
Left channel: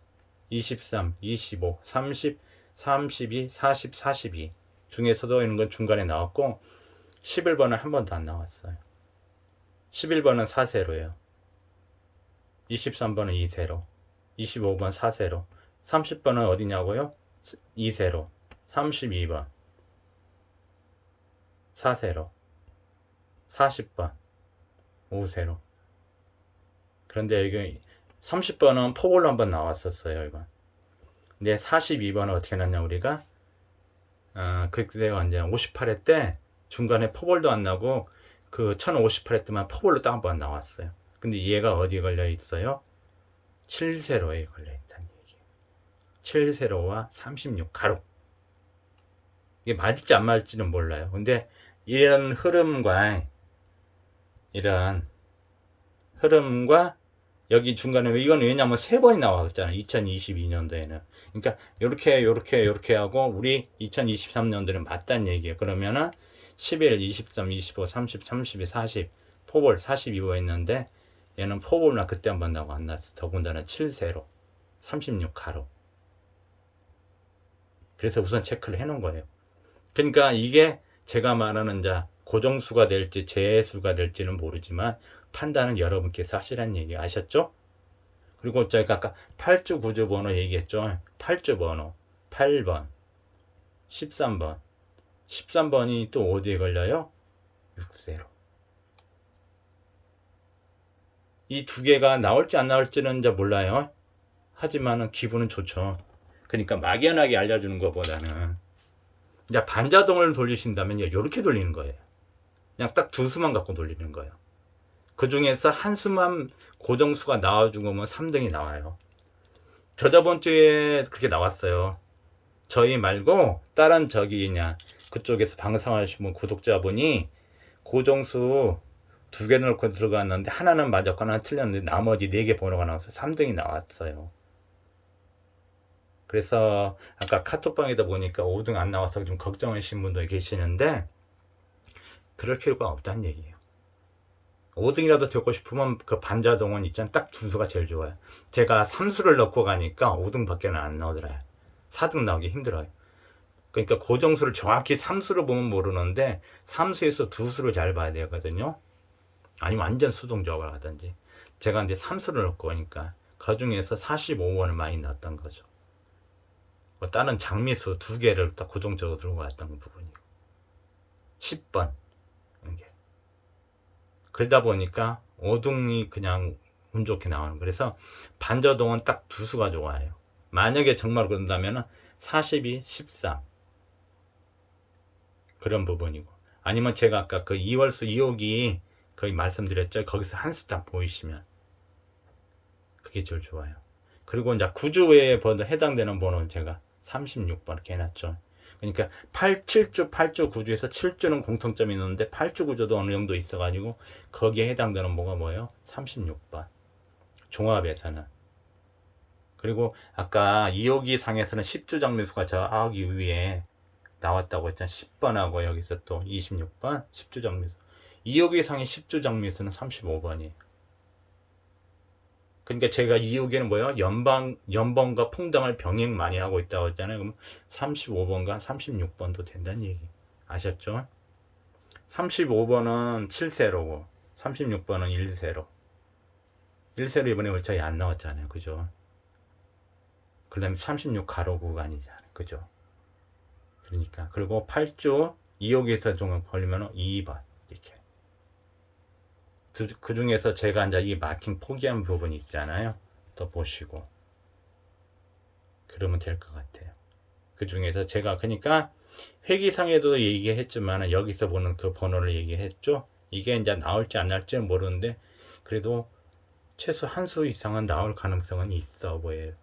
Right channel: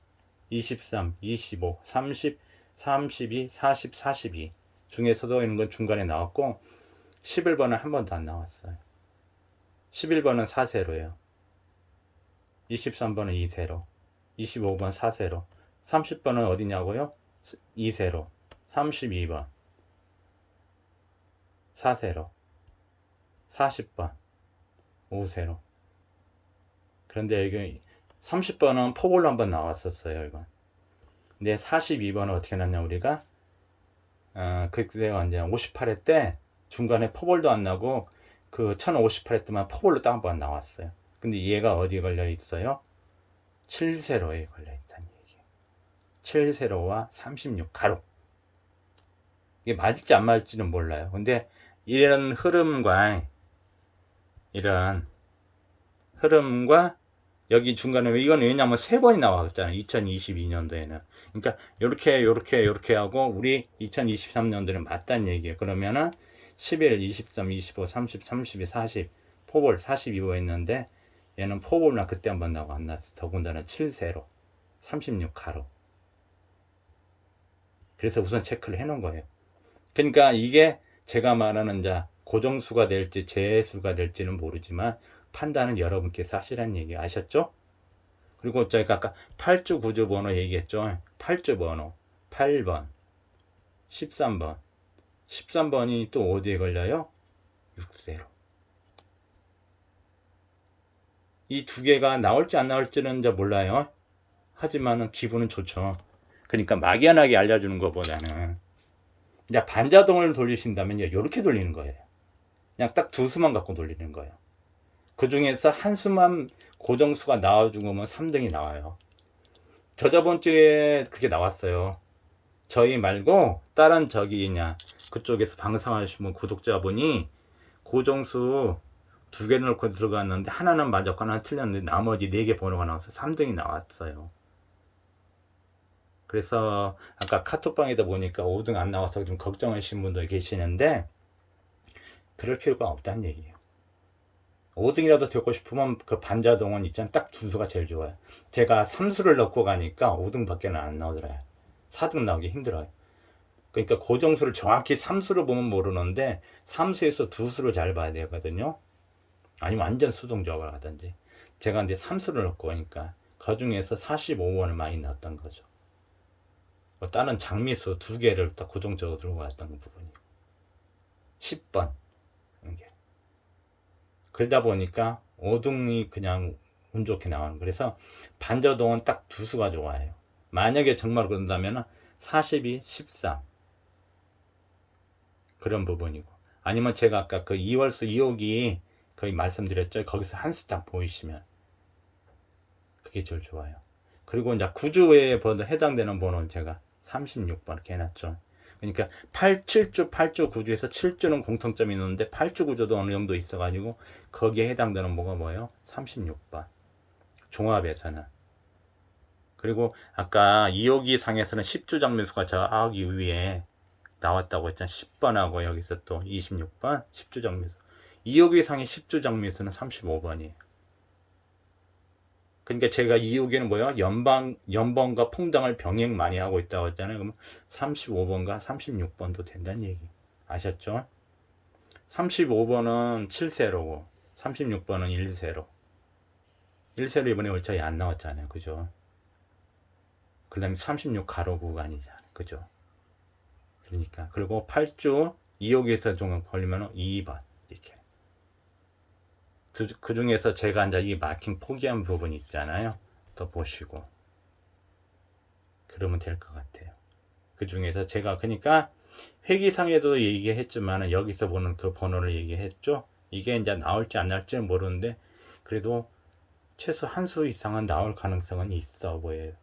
23, 25, 30, 32, 40, 42 중에서도 있는 건 중간에 나왔고, 11번은 한 번도 안 나왔어요. 11번은 4세로예요. 23번은 2세로, 25번 4세로, 30번은 어디냐고요? 2세로, 32번 4세로, 40번 5세로. 그런데 여기 30번은 포볼로 한번 나왔었어요. 이건. 근데 42번은 어떻게 났냐 우리가? 그때가 이제 58회 때 중간에 포볼도 안 나고 그 1058회 때만 포볼로 딱 한 번 나왔어요. 근데 얘가 어디에 걸려 있어요? 7세로에 걸려 있다는 얘기예요. 7세로와 36가로. 이게 맞을지 안 맞을지는 몰라요. 근데 이런 흐름과 여기 중간에, 이건 왜냐면 3번이 나왔잖아요. 2022년도에는. 그러니까 요렇게 하고 우리 2023년도에는 맞다는 얘기예요. 그러면은 11, 23, 25, 30, 32, 40 포볼 42호 있는데, 얘는 포볼만 그때 한번 나오고 안 나왔어. 더군다나 7세로 36가로. 그래서 우선 체크를 해 놓은 거예요. 그러니까 이게 제가 말하는 고정수가 될지 재수가 될지는 모르지만 판단은 여러분께서 하시라는 얘기 아셨죠? 그리고 제가 아까 8주 9주 번호 얘기했죠. 8주 번호 8번 13번 13번이 또 어디에 걸려요? 6세로. 이 두 개가 나올지 안 나올지는 이제 몰라요. 하지만은 기분은 좋죠. 그러니까 막연하게 알려주는 것보다는 이제 반자동을 돌리신다면 이렇게 돌리는 거예요. 그냥 딱 2수만 갖고 돌리는 거예요. 그 중에서 한 수만 고정수가 나와준 거면 3등이 나와요. 저번 주에 그게 나왔어요. 저희 말고 다른 그쪽에서 방송하시는 구독자분이 고정수 2개 넣고 들어갔는데 하나는 맞았고 하나는 틀렸는데 나머지 4개 번호가 나와서 3등이 나왔어요. 그래서 아까 카톡방에다 보니까 5등 안 나와서 좀 걱정하시는 분도 계시는데, 그럴 필요가 없다는 얘기예요. 5등이라도 되고 싶으면 그 반자동은 있잖아요. 딱 2수가 제일 좋아요. 제가 3수를 넣고 가니까 5등밖에 안 나오더라고요. 4등 나오기 힘들어요. 그러니까 고정수를 정확히 3수를 보면 모르는데 3수에서 2수를 잘 봐야 되거든요. 아니면 완전 수동적으로 하든지. 제가 이제 3수를 넣고 오니까 그 중에서 45원을 많이 넣었던 거죠. 다른 장미수 2개를 딱 고정적으로 들고 왔던 부분이고 10번 이게. 그러다 보니까 5등이 그냥 운 좋게 나오는. 그래서 반저동은 딱 2수가 좋아요. 만약에 정말 그런다면 42, 13 그런 부분이고, 아니면 제가 아까 그 2월수 2호기 거의 말씀드렸죠. 거기서 한 수 딱 보이시면 그게 제일 좋아요. 그리고 이제 구조에 해당되는 번호는 제가 36번 이렇게 해놨죠. 그러니까 7주, 8주 구조에서 7주는 공통점이 있는데 8주 구조도 어느 정도 있어가지고 거기에 해당되는 뭐가 뭐예요? 36번. 종합에서는. 그리고 아까 2호기 상에서는 10주 정미수가 저기 위에 나왔다고 했잖아요. 10번하고 여기서 또 26번 10주 정미수. 2호기 상의 10주 정미수는 35번이에요. 그러니까 제가 2호기는 뭐예요? 연번과 풍당을 병행 많이 하고 있다고 했잖아요. 그러면 35번과 36번도 된다는 얘기. 아셨죠? 35번은 7세로고 36번은 1세로. 1세로 이번에 월차이 안 나왔잖아요. 그죠? 그 다음에 36 가로 구간이잖아요. 그죠? 그러니까. 그리고 8주 2호기에서 좀 걸리면 2번. 이렇게. 그 중에서 제가 이제 이 마킹 포기한 부분이 있잖아요. 또 보시고. 그러면 될 것 같아요. 그 중에서 제가 그러니까 회기상에도 얘기했지만 여기서 보는 그 번호를 얘기했죠. 이게 이제 나올지 안 나올지는 모르는데 그래도 최소 한 수 이상은 나올 가능성은 있어 보여요.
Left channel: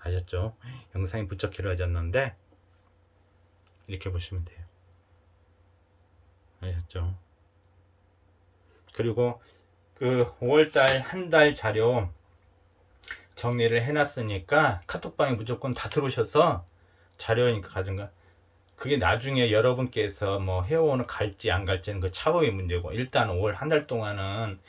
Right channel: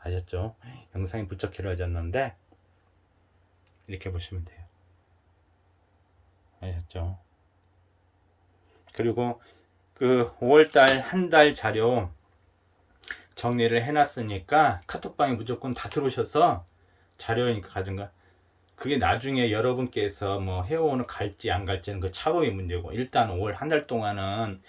아셨죠? 영상이 부쩍 길어졌는데 이렇게 보시면 돼요. 아셨죠? 그리고 그 5월달 한 달 자료 정리를 해놨으니까 카톡방에 무조건 다 들어오셔서 자료니까 가든가 그게 나중에 여러분께서 뭐 회원을 갈지 안 갈지는 그 차후의 문제고 일단 5월 한 달 동안은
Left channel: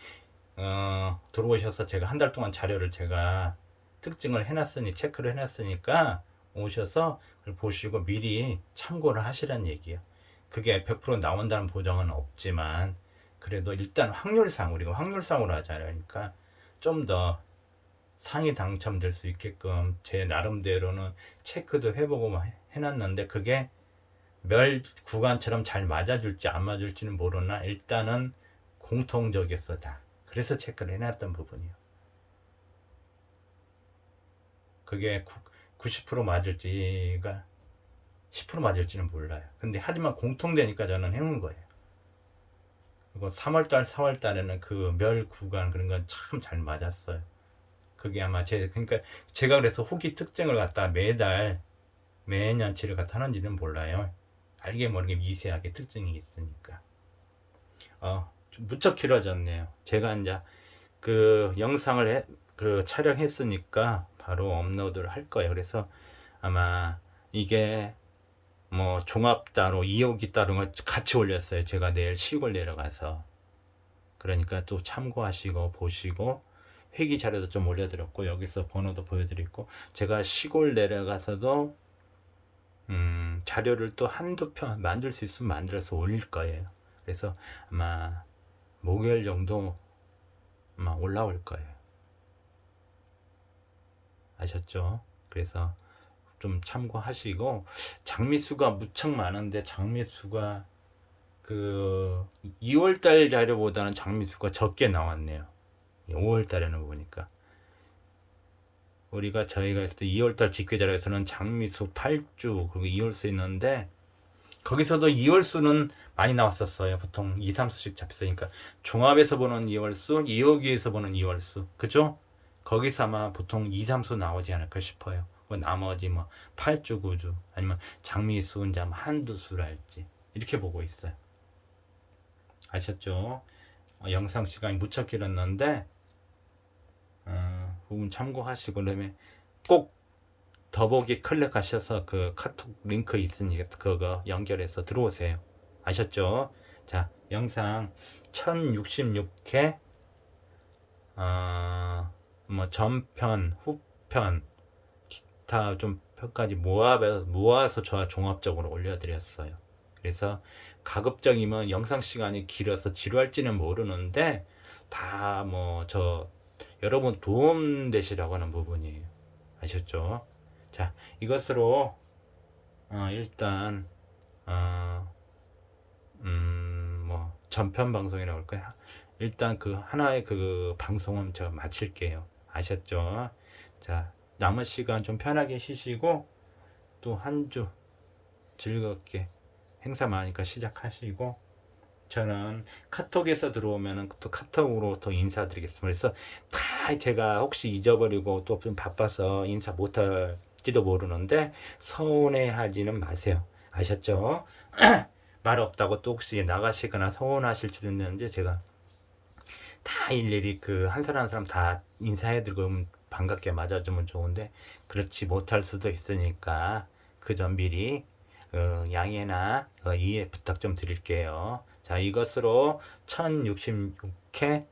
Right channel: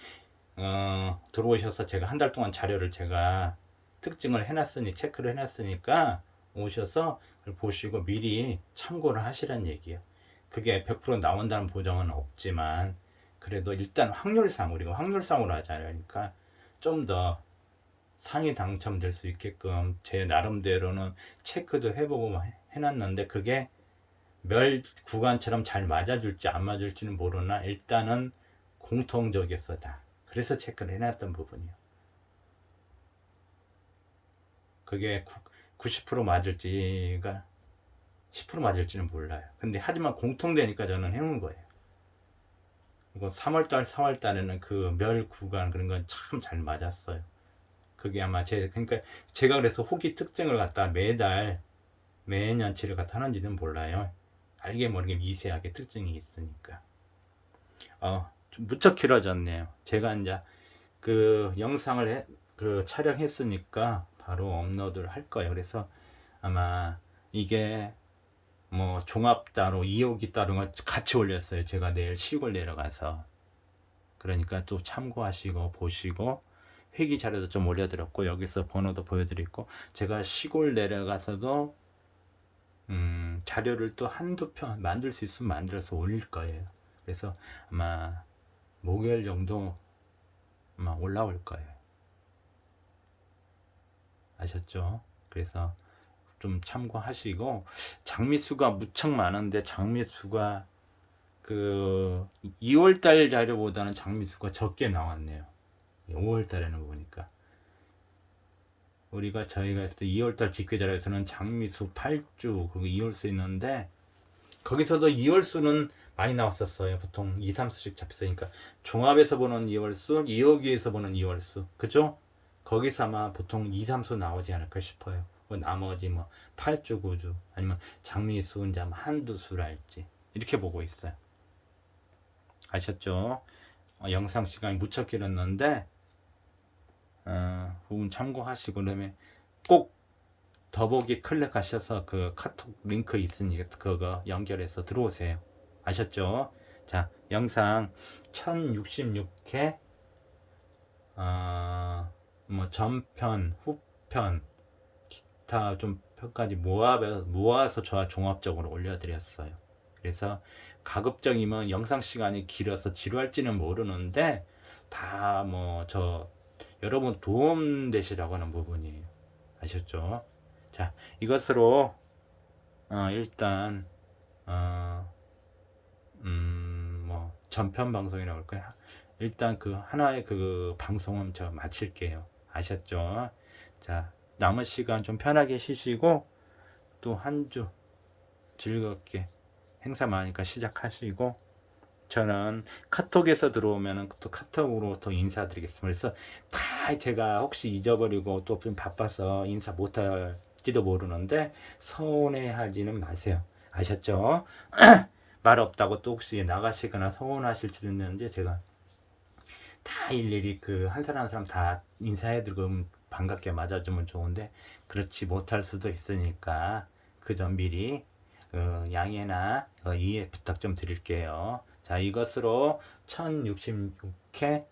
들어오셔서 제가 한 달 동안 자료를 제가 특징을 해놨으니 체크를 해놨으니까 오셔서 그걸 보시고 미리 참고를 하시란 얘기예요. 그게 100% 나온다는 보장은 없지만 그래도 일단 확률상 우리가 확률상으로 하잖아요. 그러니까 좀 더 상위 당첨될 수 있게끔 제 나름대로는 체크도 해보고 해놨는데 그게 멸 구간처럼 잘 맞아줄지 안 맞을지는 모르나 일단은 공통적이었어 다. 그래서 체크를 해놨던 부분이요. 그게 90% 맞을지가 10% 맞을지는 몰라요. 근데 하지만 공통되니까 저는 해온 거예요. 그리고 3월달, 4월달에는 그 멸 구간 그런 건 참 잘 맞았어요. 그게 아마 그러니까 제가 그래서 후기 특징을 갖다 매년치를 갖다 하는지는 몰라요. 알게 모르게 미세하게 특징이 있으니까. 좀 무척 길어졌네요. 제가 이제 그 영상을 그 촬영했으니까 바로 업로드를 할 거예요. 그래서 아마 이게 뭐 종합 따로 2호기 따로 같이 올렸어요. 제가 내일 시골 내려가서. 그러니까 또 참고하시고 보시고 회기 자료도 좀 올려드렸고 여기서 번호도 보여드렸고 제가 시골 내려가서도 자료를 또 한두 편 만들 수 있으면 만들어서 올릴 거예요. 그래서 아마 목요일 정도 아마 올라올 거예요. 아셨죠? 그래서 좀 참고하시고 장미수가 무척 많은데 장미수가 그 2월달 자료보다는 장미수가 적게 나왔네요. 5월달에는 보니까 저희가 했을 때 2월달 직계 자료에서는 장미수 8주 그리고 2월수 있는데 거기서도 2월수는 많이 나왔었어요. 보통 2, 3수씩 잡혔으니까 종합에서 보는 2월수, 2호기에서 보는 2월수 그죠? 거기서 아마 보통 2, 3수 나오지 않을까 싶어요. 뭐 나머지 뭐 8주, 9주 아니면 장미수 이제 한두 수랄지 이렇게 보고 있어요. 아셨죠? 영상 시간이 무척 길었는데 부분 참고하시고 그다음에 꼭 더보기 클릭하셔서 그 카톡 링크 있으니까 그거 연결해서 들어오세요. 아셨죠? 자, 영상 1066회 뭐 전편, 후편, 기타 좀 편까지 모아서 저 종합적으로 올려드렸어요. 그래서 가급적이면 영상 시간이 길어서 지루할지는 모르는데 다 뭐 여러분 도움 되시라고 하는 부분이에요. 아셨죠? 자, 이것으로 일단 뭐 전편 방송이라고 할까요? 일단 그 하나의 그 방송은 저 마칠게요. 아셨죠? 자, 남은 시간 좀 편하게 쉬시고 또 한 주 즐겁게 행사 많으니까 시작하시고 저는 카톡에서 들어오면은 또 카톡으로 더 인사드리겠습니다. 그래서 다 제가 혹시 잊어버리고 또 좀 바빠서 인사 못할지도 모르는데 서운해하지는 마세요. 아셨죠? 말 없다고 또 혹시 나가시거나 서운하실 줄 있는지 제가 다 일일이 그 한 사람 한 사람 다 인사해드리고 반갑게 맞아주면 좋은데 그렇지 못할 수도 있으니까 그 점 미리 양해나 이해 부탁 좀 드릴게요. 자, 이것으로 1066회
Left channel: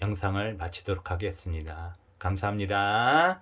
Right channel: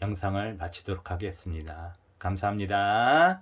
영상을 마치도록 하겠습니다. 감사합니다.